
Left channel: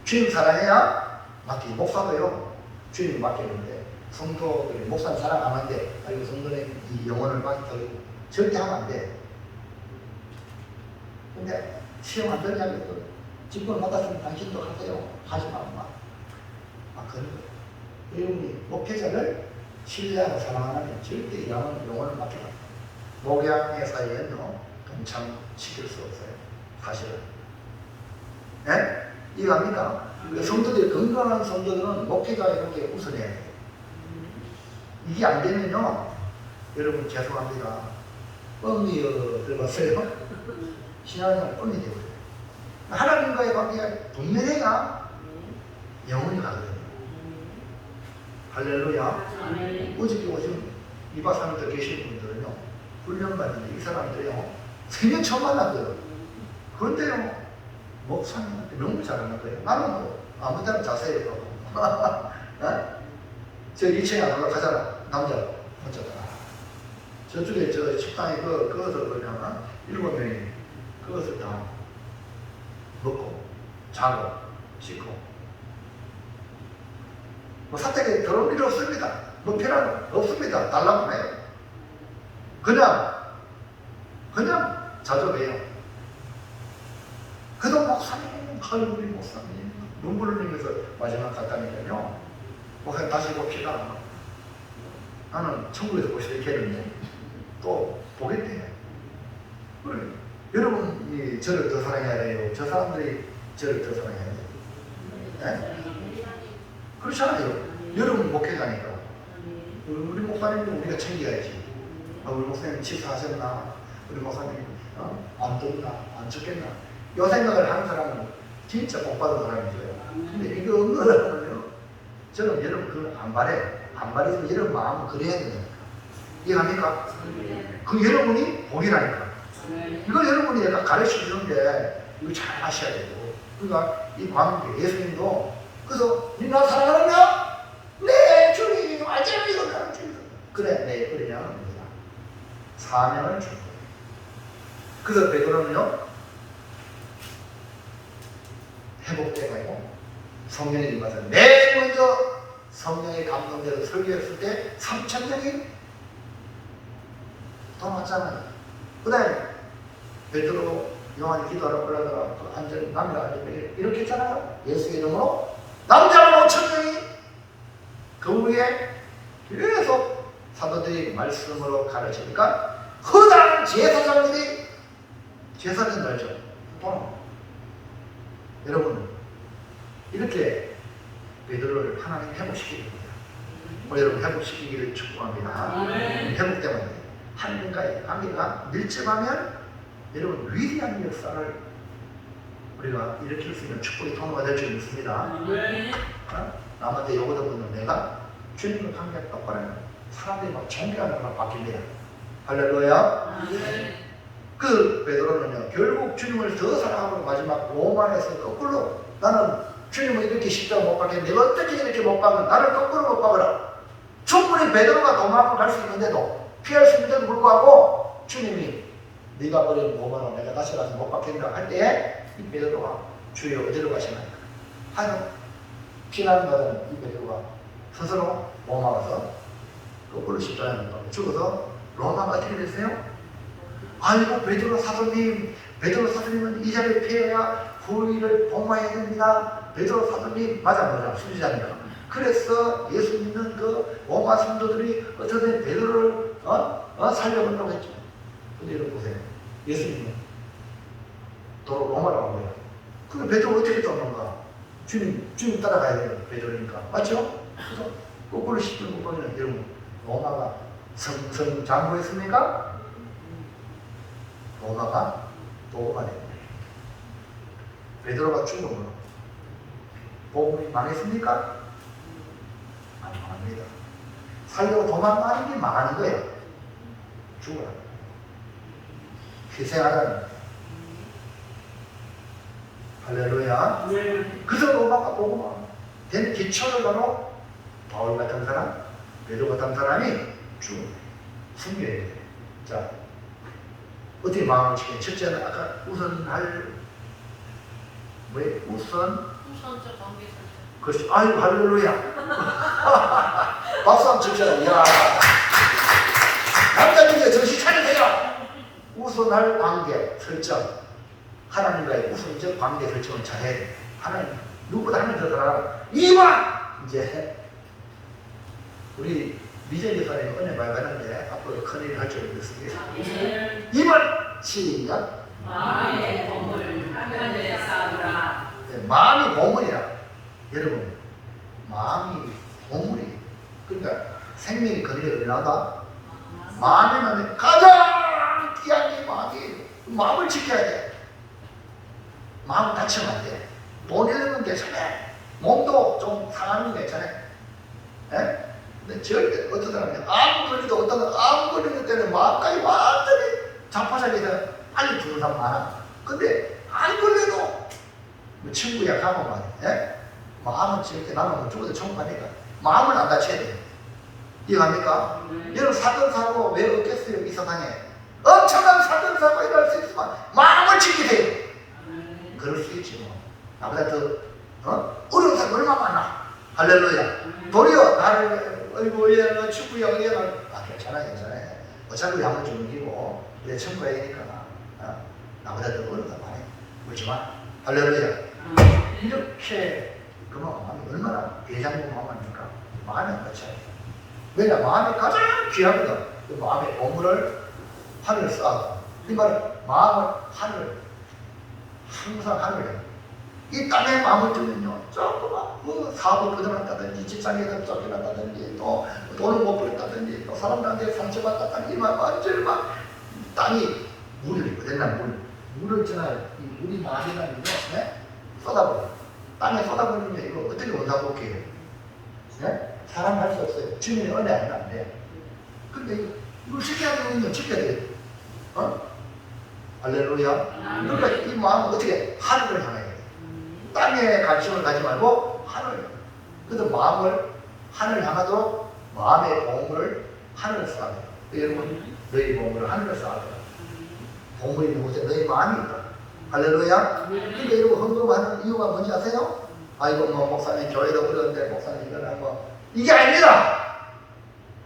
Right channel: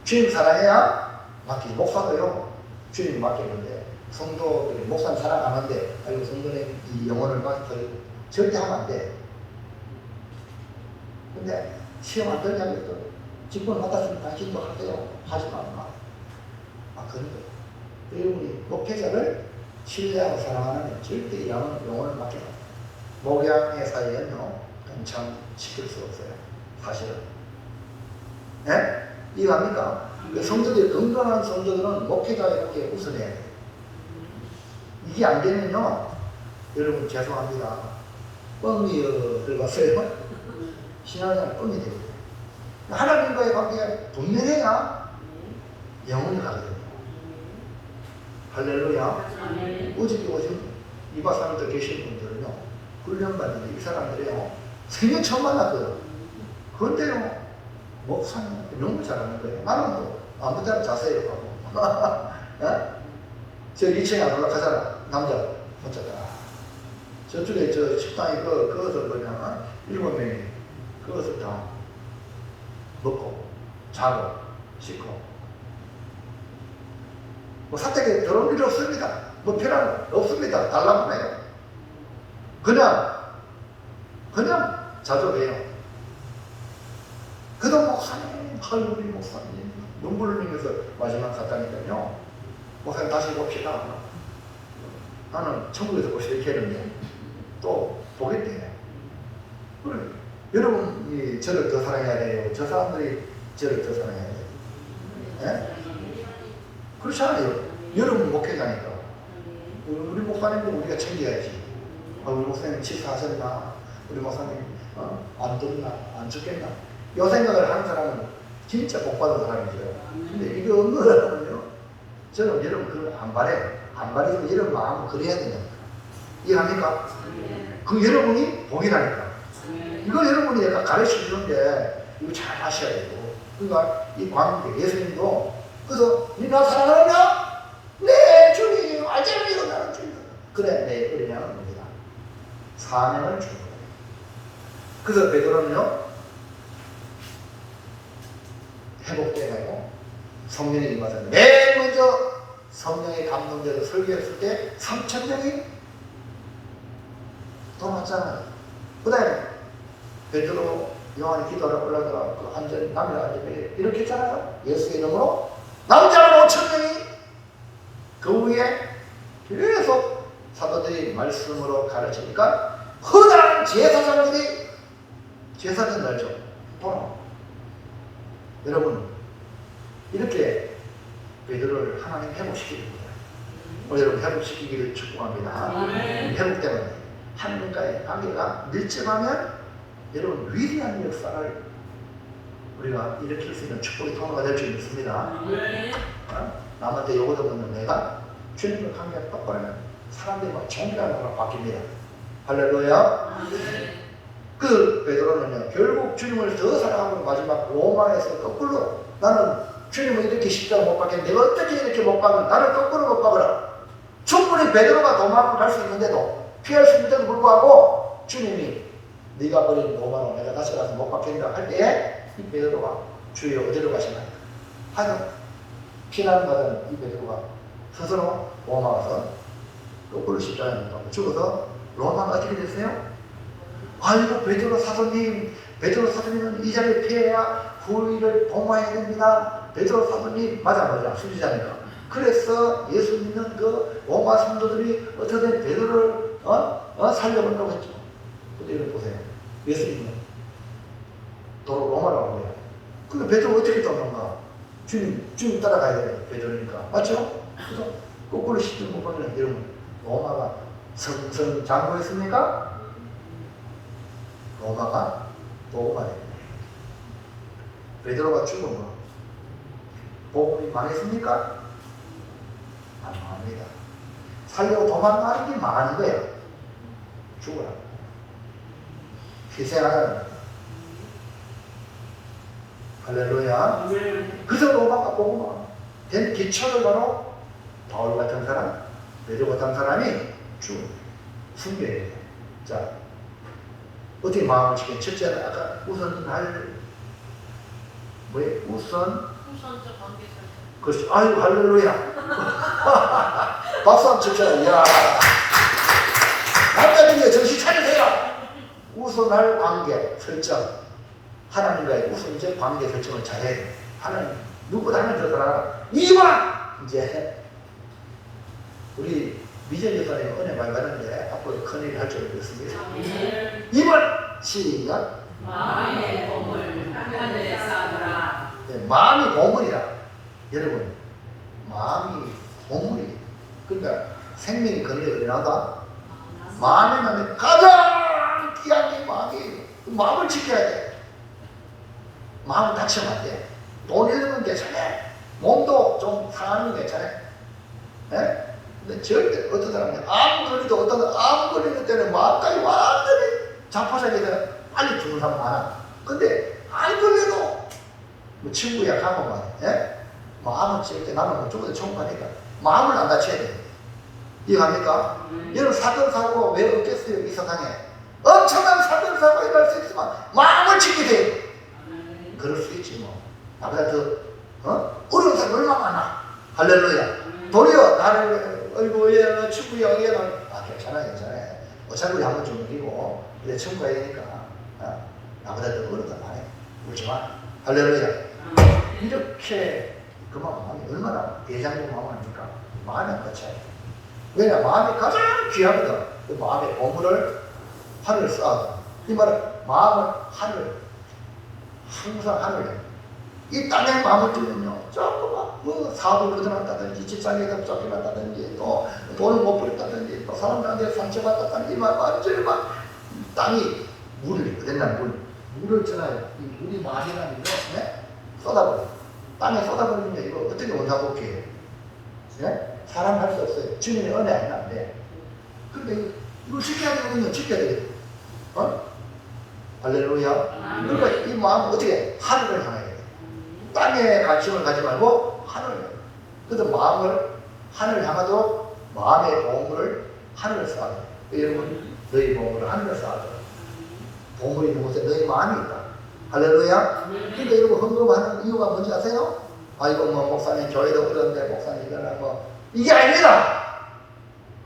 주님 사랑해야 맡기지. 목사도요, 주님 맡기는데 성도, 목사님 사랑하는데, 아이고, 성도님 이 영혼을 받아서 절대 하면 안 돼. 근데 시험 안 되냐고, 직분을 받았으면 당신도 하세요. 하지 마. 그런 거예요. 여러분이 목회자를 신뢰하고 사랑하면 절대 이 영혼을 맡기면 안 돼요. 목양의 사이에는요, 동참시킬 수 없어요. 사실은. 네? 이해합니까? 성도들이, 건강한 성도들은 목회자에게 우선해야 돼요. 이게 안 되면요, 여러분 죄송합니다. 뻥이 들어갔어요. 신앙은 뻥이 되거든요. 하나님과의 관계가 분명해야 영혼이 가거든요. 할렐루야. 어저께 오신 이바사님들 계신 분들은요, 훈련받는데 이 사람들이요, 생전 처음 만났거든요. 그런데요, 목사님한테 너무 잘하는 거예요. 나는 뭐 아무 데나 자세히 가고. 저 2층에 안 올라가잖아. 남자 혼자가. 저쪽에 저 식당에 그것을 그냥 7명이 그것을 다 먹고 자고 씻고. 뭐 사택에 들어올 필요 없습니다. 뭐 필요한 없습니다. 달라고 해요. 그냥 자주 해요. 그도 목사님, 우리 목사님 눈물을 흘리면서 마지막 갔다니까요. 목사님 다시 봅시다. 나는 천국에서 보시겠는데 또 보겠대. 그래. 여러분이 저를 더 사랑해야 돼요. 저 사람들이 저를 더 사랑해야 돼요. 네? 그렇잖아요. 여러분 목회자니까. 우리 목사님은 우리가 챙겨야지. 우리 목사님 치사하셨나? 우리 목사님 안 덥나? 안 춥겠나? 요 생각을 하는 사람은 진짜 복받은 사람이죠. 근데 이거 없는 사람은요, 저는 여러분 그걸 안 바래요. 안 바래서 이런 마음을 그래야 되는 거예요. 이해합니까? 그 여러분이 복이라니까. 이거 여러분이 약간 가르치는데 이거 잘 하셔야 되고. 그러니까 이 관계, 예수님도 그래서 니 나 사랑하느냐? 네 주님 알잖아 이거 나는 주님. 그래 내 뿌리냐는 겁니다. 사명을 준 거예요. 그래서 베드로는요, 회복돼가요. 성령이 임하서 맨 먼저 성령의 감동돼서 설교했을 때 3,000명이 더 많잖아요. 그 다음에 베드로 요한이 기도하러 올라가서 그 안전히 남녀가 이렇게 했잖아요. 예수의 이름으로 남자가 5,000명이 그 후에 계속 사도들이 말씀으로 가르치니까 허다한 제사장들이 제사장 말죠. 보노. 여러분 이렇게 베드로를 하나님 회복시키는 거예요. 우리 여러분 회복시키기를 축복합니다. 회복되면 하나님과의 관계가 밀접하면 여러분 위대한 역사를 우리가 일으킬 수 있는 축복의 통로가 될 줄 믿습니다. 남한테 요거 듣는 내가 주님과 관계가 똑바로 하면 사람들이 막 존경하는 거랑 바뀝니다. 할렐루야. 그 베드로는요, 결국 주님을 더 사랑하고 마지막 로마에서 거꾸로 나는 주님을 이렇게 십자가 못 박겠는데 내가 어떻게 이렇게 못 박는 나를 거꾸로 못 박으라. 충분히 베드로가 로마로 갈 수 있는데도 피할 수 있는데도 불구하고 주님이 네가 버린 로마로 내가 다시 가서 못 박힌다 할 때 이 베드로가 주여 어디로 가시나요? 하여 피난받은 이 베드로가 스스로 로마 가서 거꾸로 십자가에 못 박고 죽어서 로마가 어떻게 됐어요? 아이고 베드로 사도님은 이 자리에 피해야 후일을 복망해야 됩니다. 베드로 사도님 맞아 수지자니까. 그래서 예수 믿는 그 로마 성도들이 어쩌든 베드로를 살려본다고 했죠. 근데 여러분 보세요. 예수 믿는 도로 로마로 간 거예요. 근데 베드로 어떻게 떠나는가? 주님 따라가야 돼요. 베드로니까. 맞죠? 그래서 거꾸로 십자가 못 박는 여러분 로마가 성장구했습니까? 로마가 복음화 됩니다. 베드로가 죽으면 복음이 망했습니까? 안 망합니다. 살려고 도망가는 게 많은 거예요. 죽어라. 희생하라는 거예요. 할렐루야. 그래서 로마가 복음화 된 기초를 바로 바울 같은 사람, 베드로 같은 사람이 죽은 승리해야 돼요. 자, 어떻게 마음을 지켜? 첫째는 아까 우선할 뭐예요? 우선적 관계 설정. 그렇죠. 아이고, 할렐루야. 박수 한번 칩시다. 이야. 남자들이 정신 차리세요. 우선할 관계 설정. 하나님과의 우선적 관계 설정을 잘해야 돼. 하나님, 누구보다 하나님 더 잘하라. 2번! 이제, 우리 미전 여사님 은혜 많이 받았는데, 앞으로 큰일 할 줄 믿습니다. 2번! 시작. 마음의 보물 하늘에 쌓으라. 네, 마음이 보물이야. 여러분, 마음이 보물이. 그러니까 생명이 그늘에 일어나다. 마음이면 가장 귀한 게 마음이에요. 마음을 지켜야 돼. 마음 다치면 안 돼. 돈 잃으면 괜찮아. 몸도 좀 상하는 거 괜찮아. 예? 근데 절대 어떤 사람은 아무 걸리도 어떤 아무 걸리는 때는 마음까지 완전히 자포자기해 빨리 죽는 사람 많아. 근데 안 걸려도 뭐 친구야 가면 말이야. 예? 마음을 지을 때 나는 못 죽어도 천국 가니까 마음을 안 다쳐야 돼. 이해갑니까? 여러분 사건 사고 왜 없겠어요? 이 세상에 엄청난 사건 사고 일어날 수 있지만 마음을 지키세요. 그럴 수 있지 뭐. 나보다 더 어려운 사람 얼마나 많아. 할렐루야. 도리어 나를 어이구 얘는 친구야 얘는 괜찮아 어차피 우리 한번 좀 이기고 우리가 천국 가야 되니까 나보다 더 어려운 사람 많아. 울지마. 할렐루야. 이렇게 그만 마음이 얼마나 대장부 마음을 줄까. 마음이 끝이야. 왜냐 마음이 가장 귀하거든. 그 마음의 보물을 하늘을 쌓아. 이 말은 마음을 하늘 항상 하늘에 이 땅에 마음을 두면요 조금만 뭐 사업을 거둬놨다든지 직장에서 쫓겨났다든지 또 돈을 못 벌었다든지 또 사람들한테 상처받았다든지 완전히 막 땅이 물을 어딨나 물을 전하여 이 물이 많이라는 거 네? 쏟아버려. 땅에 쏟아버리면 이거 어떻게 원사복해요? 네? 사람 할 수 없어요. 주님의 은혜 안 돼. 근데 이거 지켜야 되거든요. 지켜야 돼. 할렐루야. 그러니까 이 마음은 어떻게 하늘을 향해야 돼. 땅에 관심을 가지 말고 하늘. 그래서 마음을 하늘을 향하도록 마음의 보물을 하늘을 쌓아야 돼. 여러분 너희 보물을 하늘을 쌓아야 돼. 보물이 있는 곳에 너희 마음이 있다. 할렐루야. 그러니까 여러분 헌금하는 이유가 뭔지 아세요? 아이고 뭐 목사님 교회도 그런데 목사님 이거는 뭐 이게 아닙니다.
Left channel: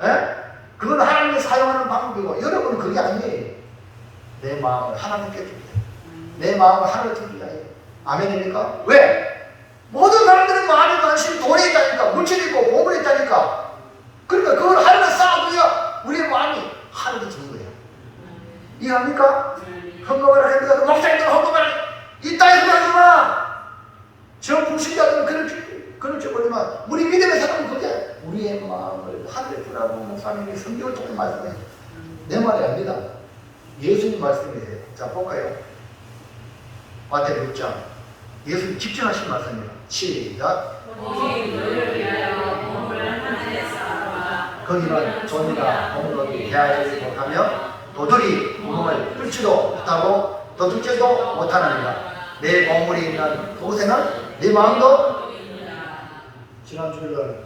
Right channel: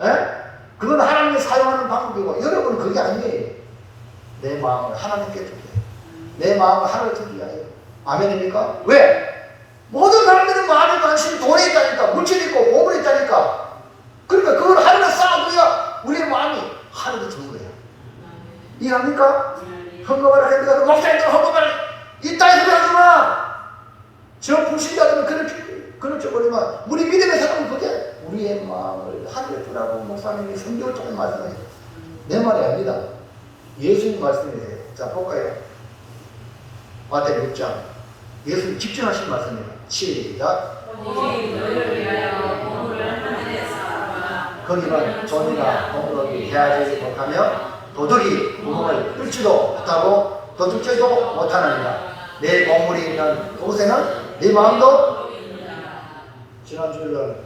에? 그건 하나님이 사용하는 방법이고 여러분은 그게 아니에요. 내 마음을 하나님께 주게. 내 마음을 하나님께 주기 위하여. 아멘입니까? 왜? 모든 사람들은 마음이 관심 돈에 있다니까. 물질이 있고 보물이 있다니까. 그러니까 그걸 하나님에 쌓아둬야 우리의 마음이 하나님께 주는 거예요. 이해합니까? 헌금을 합니다. 그 목사님도 헌금을 이 땅에서 하지마. 저 불신자들은 그렇게 버리면 우리 믿음의 사람은 그게 우리의 마음을 하늘에 두라고 목사님이 성경을 조금 말씀해요. 내 말이 아니다. 예수님 말씀이세요. 자 볼까요? 마태복음 6장 예수님 직접 하신 말씀입니다. 시작. 거기는 돈이나 공덕이 해하지 못하며 도둑이 구멍을 뚫지도 못하고 도둑질도 못하느니라. 내 보물이 있는 그곳에는 내 마음도. 지난주에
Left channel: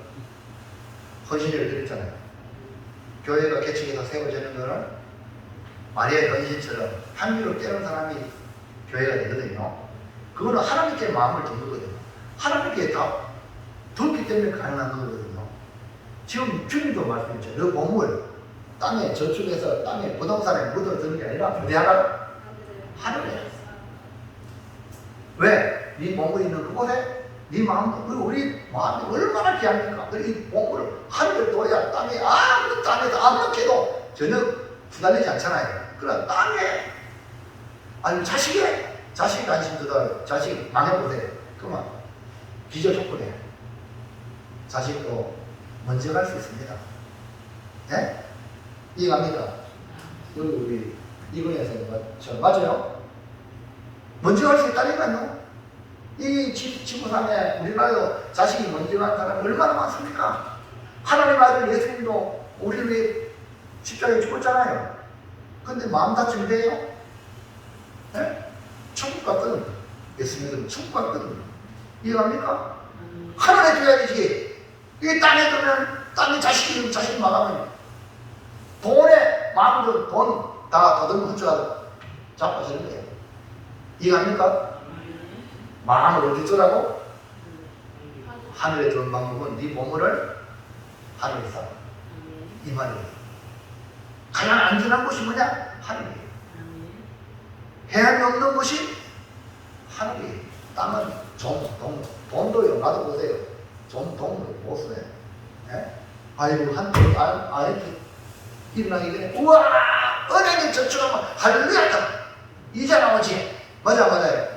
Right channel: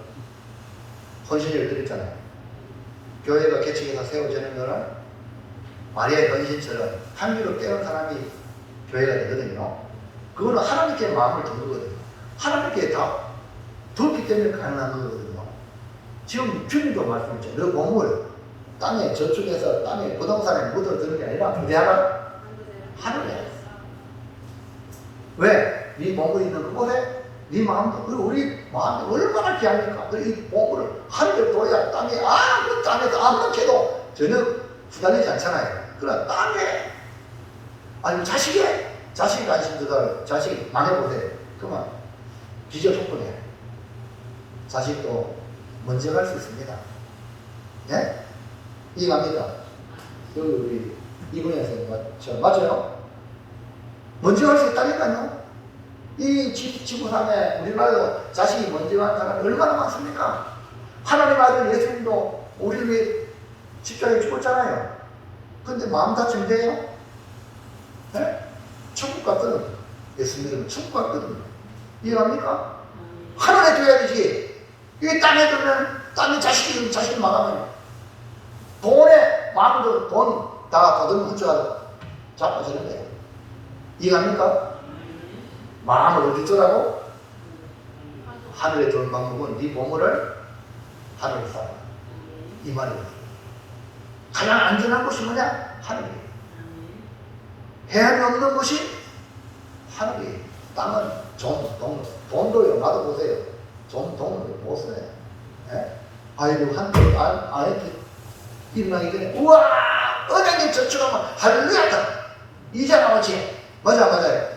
헌신을 드렸잖아요. 교회가 개척해서 세워지는 거는 마리아의 헌신처럼 향기로 때운 사람이 교회가 되거든요. 그거는 하나님께 마음을 두는 거거든요. 하나님께 다 두었기 때문에 가능한 거거든요. 지금 주님도 말씀했죠. 너 보물 땅에 저축해서 땅에 부동산에 묻어두는 게 아니라 어디 하라? 하늘에. 왜? 네 보물이 있는 그곳에 네 마음도. 그리고 우리 마음이 얼마나 귀합니까? 그리고 이 보물을 하늘에 둬야 땅에 아무것도 땅에서 아무것도 해도 전혀 후달리지 않잖아요. 그러나 땅에 아니 자식이 관심 두다 자식 망해보세요. 그만 기저조건이에요. 자식도 먼저 갈 수 있습니다. 네? 이해갑니까? 여기 우리 이번에서 맞아요? 먼저 갈 수 있다니까요. 이 지구상에 우리나라도 자식이 먼저 간 사람이 얼마나 많습니까? 하나님 아들 예수님도 우리 왜 십자가에 죽었잖아요. 근데 마음 다치면 돼요? 네? 천국 갔거든. 예수님은 천국 갔거든. 이해갑니까? 하늘에 줘야 되지. 이 땅에 두면 땅에 자식이 망하면 돈에 마음도 돈 다 거들고 훔쳐가지고 자빠지는 거예요. 이해갑니까? 마음을 어디 두라고? 하늘에 좋은 방법은 네 보물을 하늘에 쌓아. 이 말이에요. 가장 안전한 곳이 뭐냐? 하늘이에요. 해안이 없는 곳이 하늘이에요. 땅은 돈도요. 나도 보세요. 돈을 못 써요. 예? 아이고, 한때 아이한테 일어나기 전에, 우와! 은행에 저축하면 할렐루야! 이자 나머지. 맞아요.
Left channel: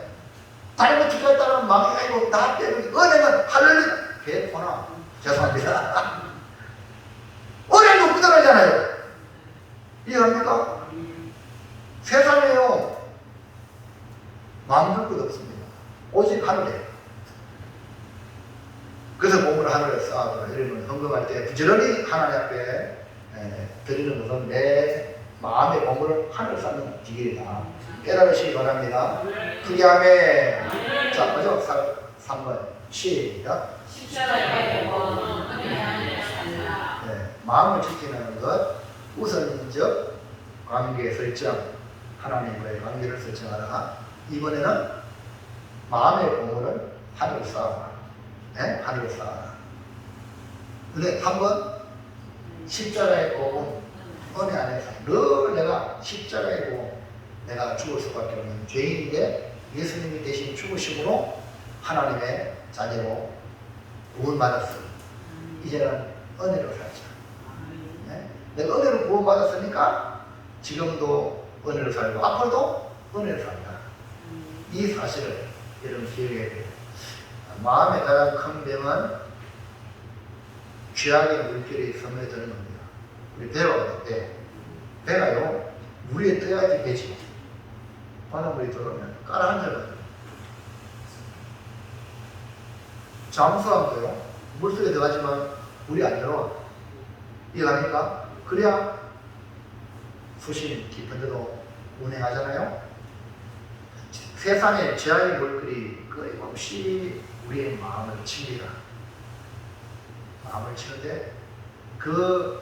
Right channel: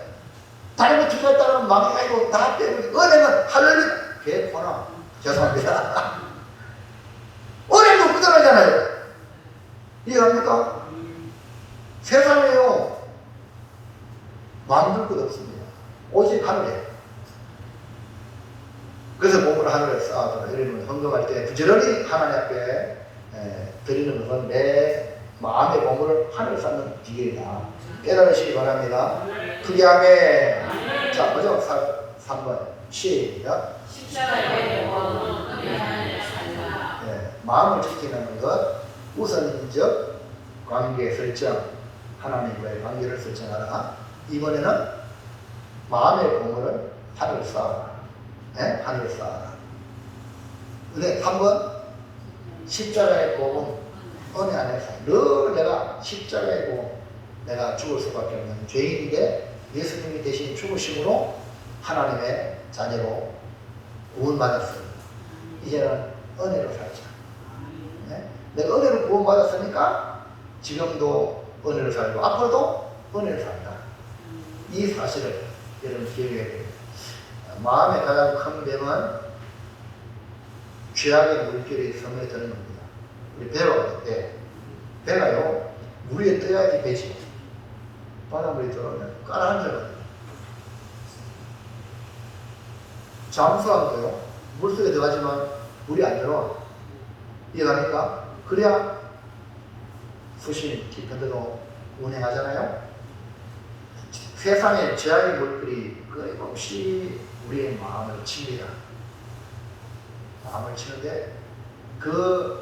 다른 거 투자했다 그러면 망해가지고 다 빼버리고, 은행은 할렐루야! 개코나. 죄송합니다. 은행도 부자라잖아요. 이해합니까? 세상에요. 만들 것 없습니다. 오직 하늘에. 그래서 보물을 하늘에 쌓아두라. 이러면 헌금할 때 부지런히 하나님 앞에 드리는 것은 내 마음의 보물을 하늘에 쌓는 기회이다. 깨달으시기 바랍니다. 크게 하면 자, 먼저 3번 시작. 마음을 지키는 것 우선적 관계 설정, 하나님과의 관계를 설정하라. 이번에는 마음의 보물을 하늘에 쌓아라. 네? 하늘에 쌓아라. 근데 한번 십자가의 복음 은혜 안에서 늘 내가 십자가의 복음, 내가 죽을 수밖에 없는 죄인인데 예수님이 대신 죽으심으로 하나님의 자녀로 구원받았어요. 이제는 은혜로 살자. 네? 내가 은혜로 구원받았으니까 지금도 은혜로 살고 앞으로도 은혜로 산다. 이 사실을 여러분 기억해야 돼요. 마음의 가장 큰 병은 죄악의 물결이 스며드는 겁니다. 우리 배가 같아, 배가요, 물에 떠야지 배지. 바닷물이 들어오면 까라한절거든요. 잠수함도요, 물속에 들어가지만 물이 안 들어와. 이해갑니까? 그래야 수심 깊은데도 운행하잖아요. 세상에 죄악의 물결이 끊임없이 우리의 마음을 칩니다. 마음을 치는데 그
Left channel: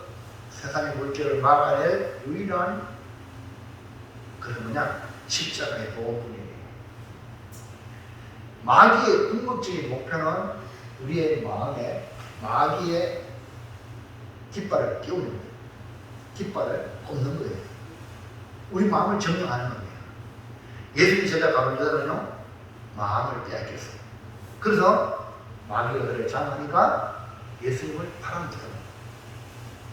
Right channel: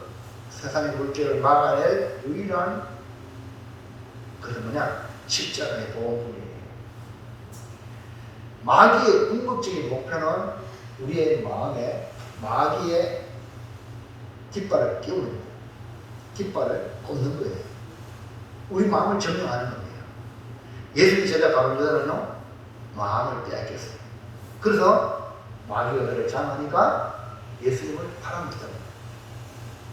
세상의 물결을 막아낼 유일한 그게 뭐냐? 십자가의 복음이에요. 마귀의 궁극적인 목표는 우리의 마음에 마귀의 깃발을 끼우는 거예요. 깃발을 꽂는 거예요. 우리 마음을 점령하는 거예요. 예수님이 제자 가룟유다는요, 마음을 빼앗겼어요. 그래서 마귀가 그를 장하니까 예수님을 팔아먹었다.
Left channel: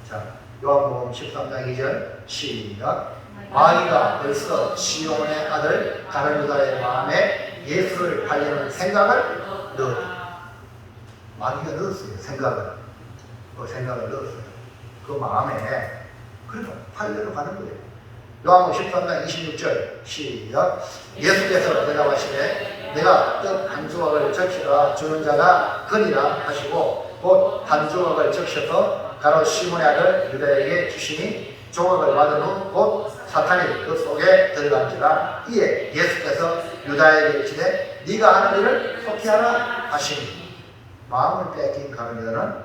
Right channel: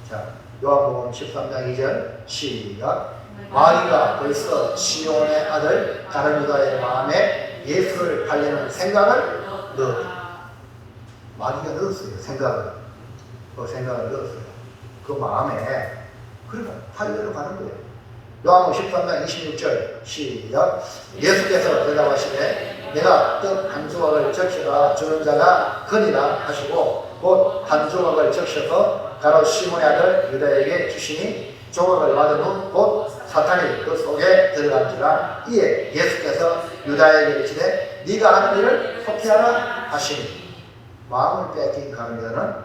자, 요한복음 13장 2절 시작. 마귀가 벌써 시온의 아들 가룟유다의 마음에 예수를 팔려는 생각을 넣었다. 마귀가 넣었어요. 생각을. 그 생각을 넣었어요. 그 마음에. 그러니까 팔려러 가는 거예요. 요한복음 13장 26절 시작. 예수께서 대답하시되 내가 뜻 한 조각을 적셔라 주는 자가 그니라 하시고 곧 한 조각을 적셔서 가롯 시몬의 아들 유다에게 주시니 조각을 받은 후 곧 사탄이 그 속에 들어간지라. 이에 예수께서 유다에게 이르시되 네가 하는 일을 속히 하라 하시니. 마음을 빼앗긴 가룟유다는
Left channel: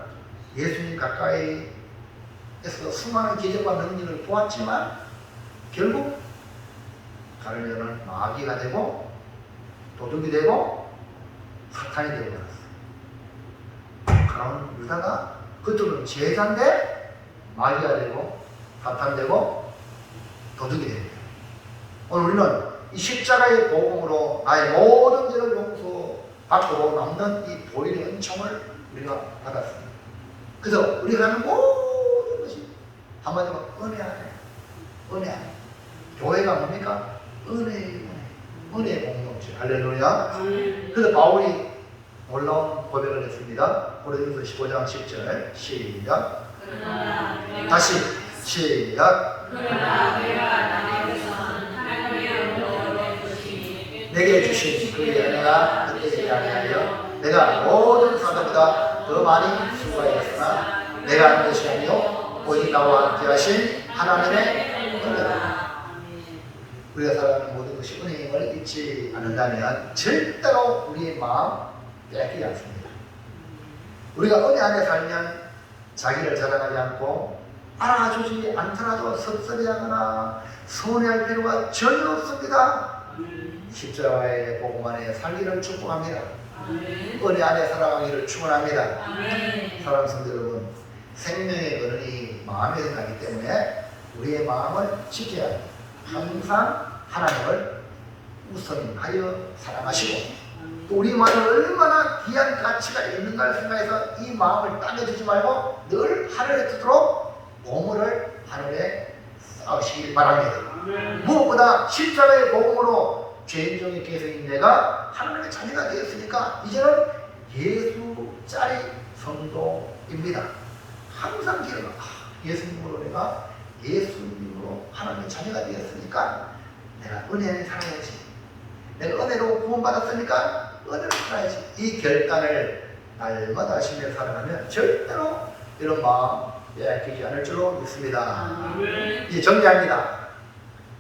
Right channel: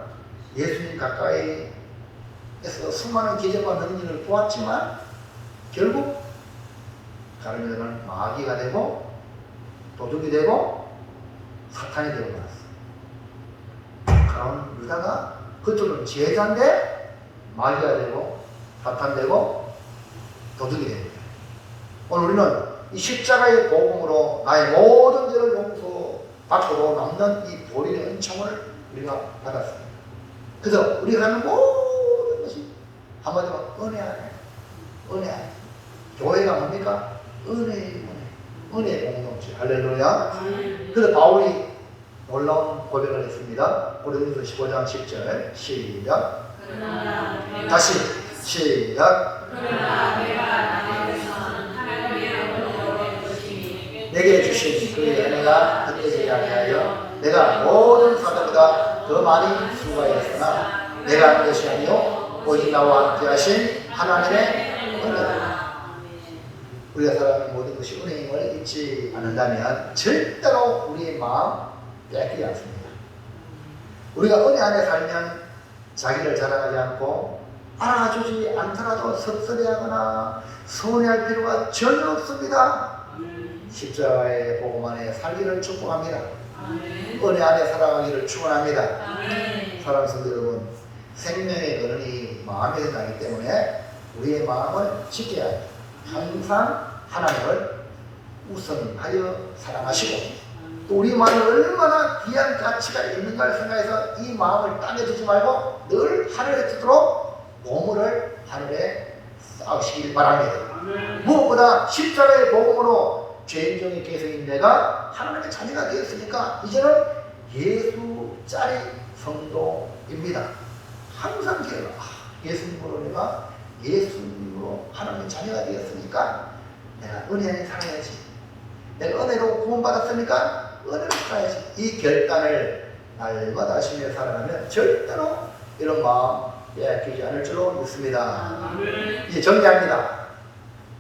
예수님 가까이에서 수많은 기적과 능력을 보았지만 결국 가룟유다는 마귀가 되고 도둑이 되고 사탄이 되고 말았어. 그럼 유다가 그쪽은 제자인데 마귀가 되고 사탄 되고 도둑이 됩니다. 오늘 우리는 이 십자가의 복음으로 나의 모든 죄를 용서받고 남는 이 보일의 은총을 우리가 받았습니다. 그래서 우리가 하는 모든 것이 한마디로 은혜 안에, 은혜 안에. 교회가 뭡니까? 은혜의 공동체. 할렐루야. 그래서 바울이 놀라운 고백을 했습니다. 고린도서 15장 10절 시작. 다시 시작. 내게 주신 그의 은혜가 헛되지 아니하여 내가 모든 사람보다 더 많이 수고하였으나 내가 하는 것이 아니요 오직 나와 함께 하신 하나님의 은혜다. 우리가 살아가는 모든 것이 은혜임을 잊지 않는다면 절대로 우리의 마음 빼앗기지 않습니다. 우리가 은혜 안에 살면 자기를 자랑하지 않고 알아주지 않더라도 섭섭해하거나 서운해할 필요가 전혀 없습니다. 십자가의 복음 안에 살기를 축복합니다. 아멘. 은혜 안에 살아가기를 축원합니다. 아멘. 사랑하는 성도 여러분, 생명의 근원이 마음에서 나기 때문에 우리의 마음을 지켜야 합니다. 항상 하나님을 우선하여 사랑하시고 또 우리 마음에 얼마나 귀한 가치가 있는가를 생각해서 이 마음을 땅에 두지 말고 늘 하늘에 두도록 보물을 하늘에 쌓으시길 바랍니다. 무엇보다 십자가의 복음으로 죄인종의 개성인 내가 하나님의 자녀가 되었으니까 이제는 예수짜리 성도입니다. 항상 기억하 예수님으로 내가 예수님으로 하나님의 자녀가 되었으니까 내가 은혜 안에 살아야지. 내가 은혜로 구원받았으니까 은혜로 살아야지. 이 결단을 날마다 하시며 살아가면 절대로 이런 마음 빼앗기지 않을 줄로 믿습니다. 이제 정리합니다.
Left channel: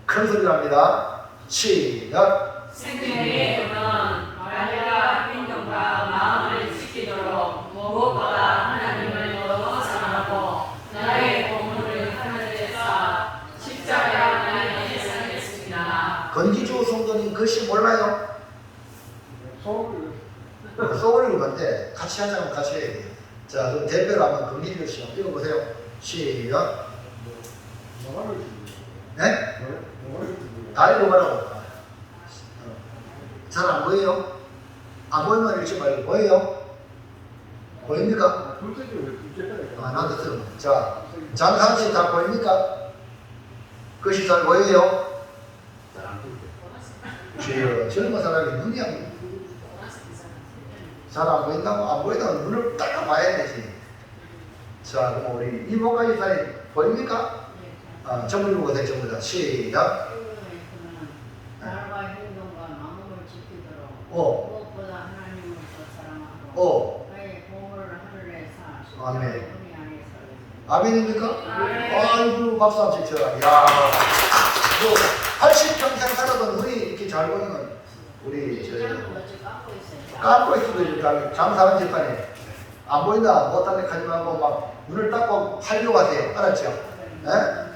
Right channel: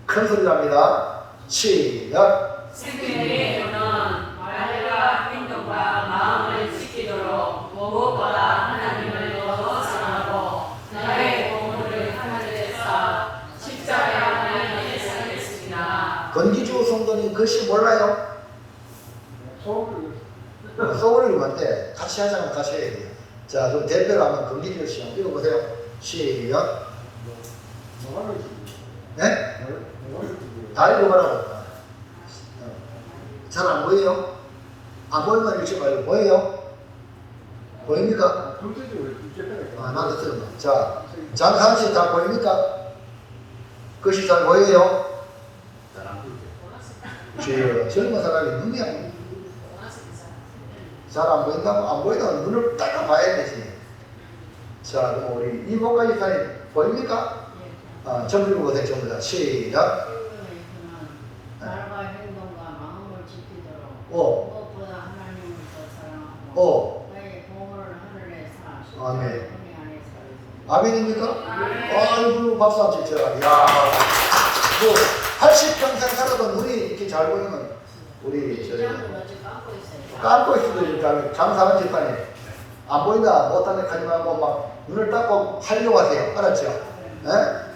큰 소리로 합니다. 시작. 생명의 근원 말과 행동과 마음을 지키도록 무엇보다 하나님을 더 사랑하고 나의 보물을 하늘에 쌓아 십자가 안에 살겠습니다. 건기주 성도님 글씨 몰라요? 소울이 뭔데? 같이 하자면 같이 해야 돼요. 자, 그럼 대표로 한번 건기주 씨 한번 읽어보세요. 시작. 네? 다 읽어보라고. 잘 안 보여요? 안 보이면 읽지 말고 보여요? 보입니까? 나도 들어봐. 자, 장상씨 잘 보입니까? 글씨 잘 보여요? 젊은 사람이 눈이 안 보여. 잘 안 보인다고? 안 보인다고 눈을 딱 봐야 되지. 자, 그럼 우리 이복가 이사님 보입니까? 전부 읽어보세요. 전부 다. 시작. 말과 행동과 마음을 지키도록 오. 무엇보다 하나님을 더 사랑하고 나의 보물을 하늘에 사 아멘. 은혜 안에 살겠습니다. 아멘입니까? 아이고, 박수 한번 치켜라. 야, 그 80평생 살아도 눈이 이렇게 잘 보이는 우리 시장은 어제 깎고 있어요. 깎고 있어도 이렇게 장사하는 집안이 안 보인다 못한 데 하지 말고 막 눈을 닦고 하려고 하세요. 알았죠?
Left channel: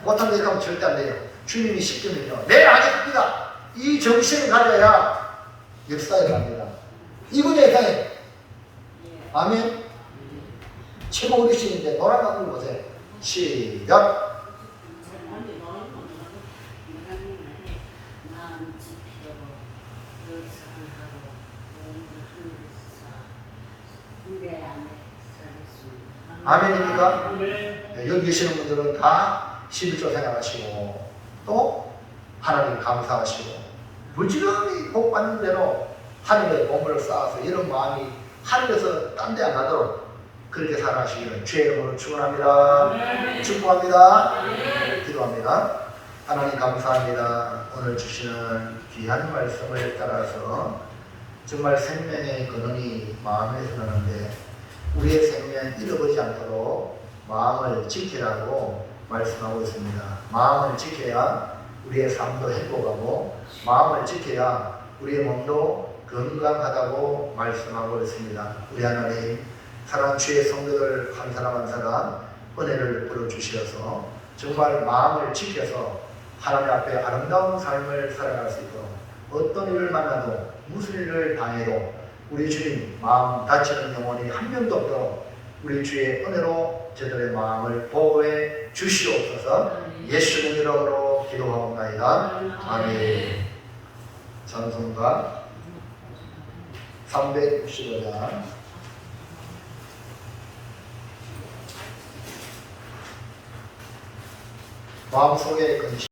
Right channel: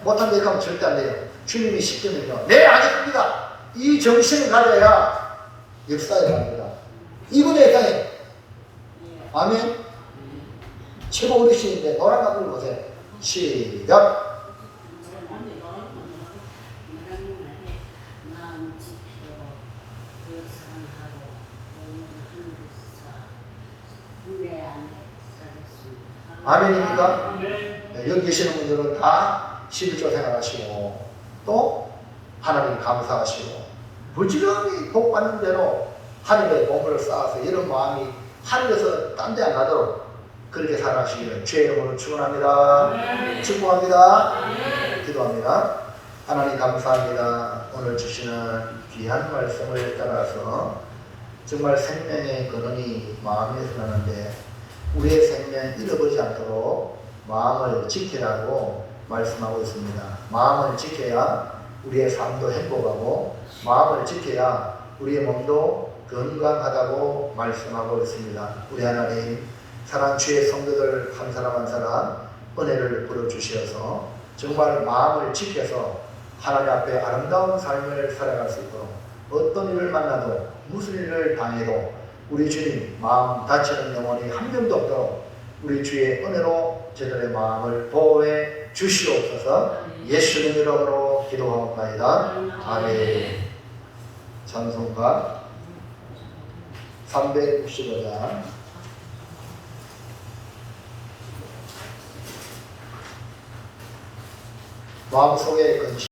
못한 데 하면 절대 안 돼요. 주님이 시키면요. 네, 알겠습니다. 이 정신을 가져야 역사에 갑니다. 이분의 역사에 아멘. 최고 어르신인데 노래가 불러보세요. 시작. 아멘입니까? 네, 여기 계시는 분들은 다 11조 생활하시고 또 하나님 감사하시고 부지런히 복 받는 대로 하늘에 보물을 쌓아서 이런 마음이 하늘에서 딴 데 안 가도록 그렇게 살아가시기를 주의 이름으로 축원합니다. 축복합니다. 기도합니다. 하나님 감사합니다. 오늘 주시는 귀한 말씀을 따라서 정말 생명의 근원이 마음에서 나는데 우리의 생명 잃어버리지 않도록 마음을 지키라고 말씀하고 있습니다. 마음을 지켜야 우리의 삶도 행복하고 마음을 지켜야 우리의 몸도 건강하다고 말씀하고 있습니다. 우리 하나님 사랑 주의 성도들 한 사람 한 사람 은혜를 부어주시어서 정말 마음을 지켜서 하나님 앞에 아름다운 삶을 살아갈 수 있도록 어떤 일을 만나도 무슨 일을 당해도 우리 주님 마음 다치는 영혼이 한 명도 없도록 우리 주의 은혜로 저들의 마음을 보호해 주시옵소서. 예수님 이름으로 기도하옵나이다. 아멘. 찬송가 365장 마음속에 근심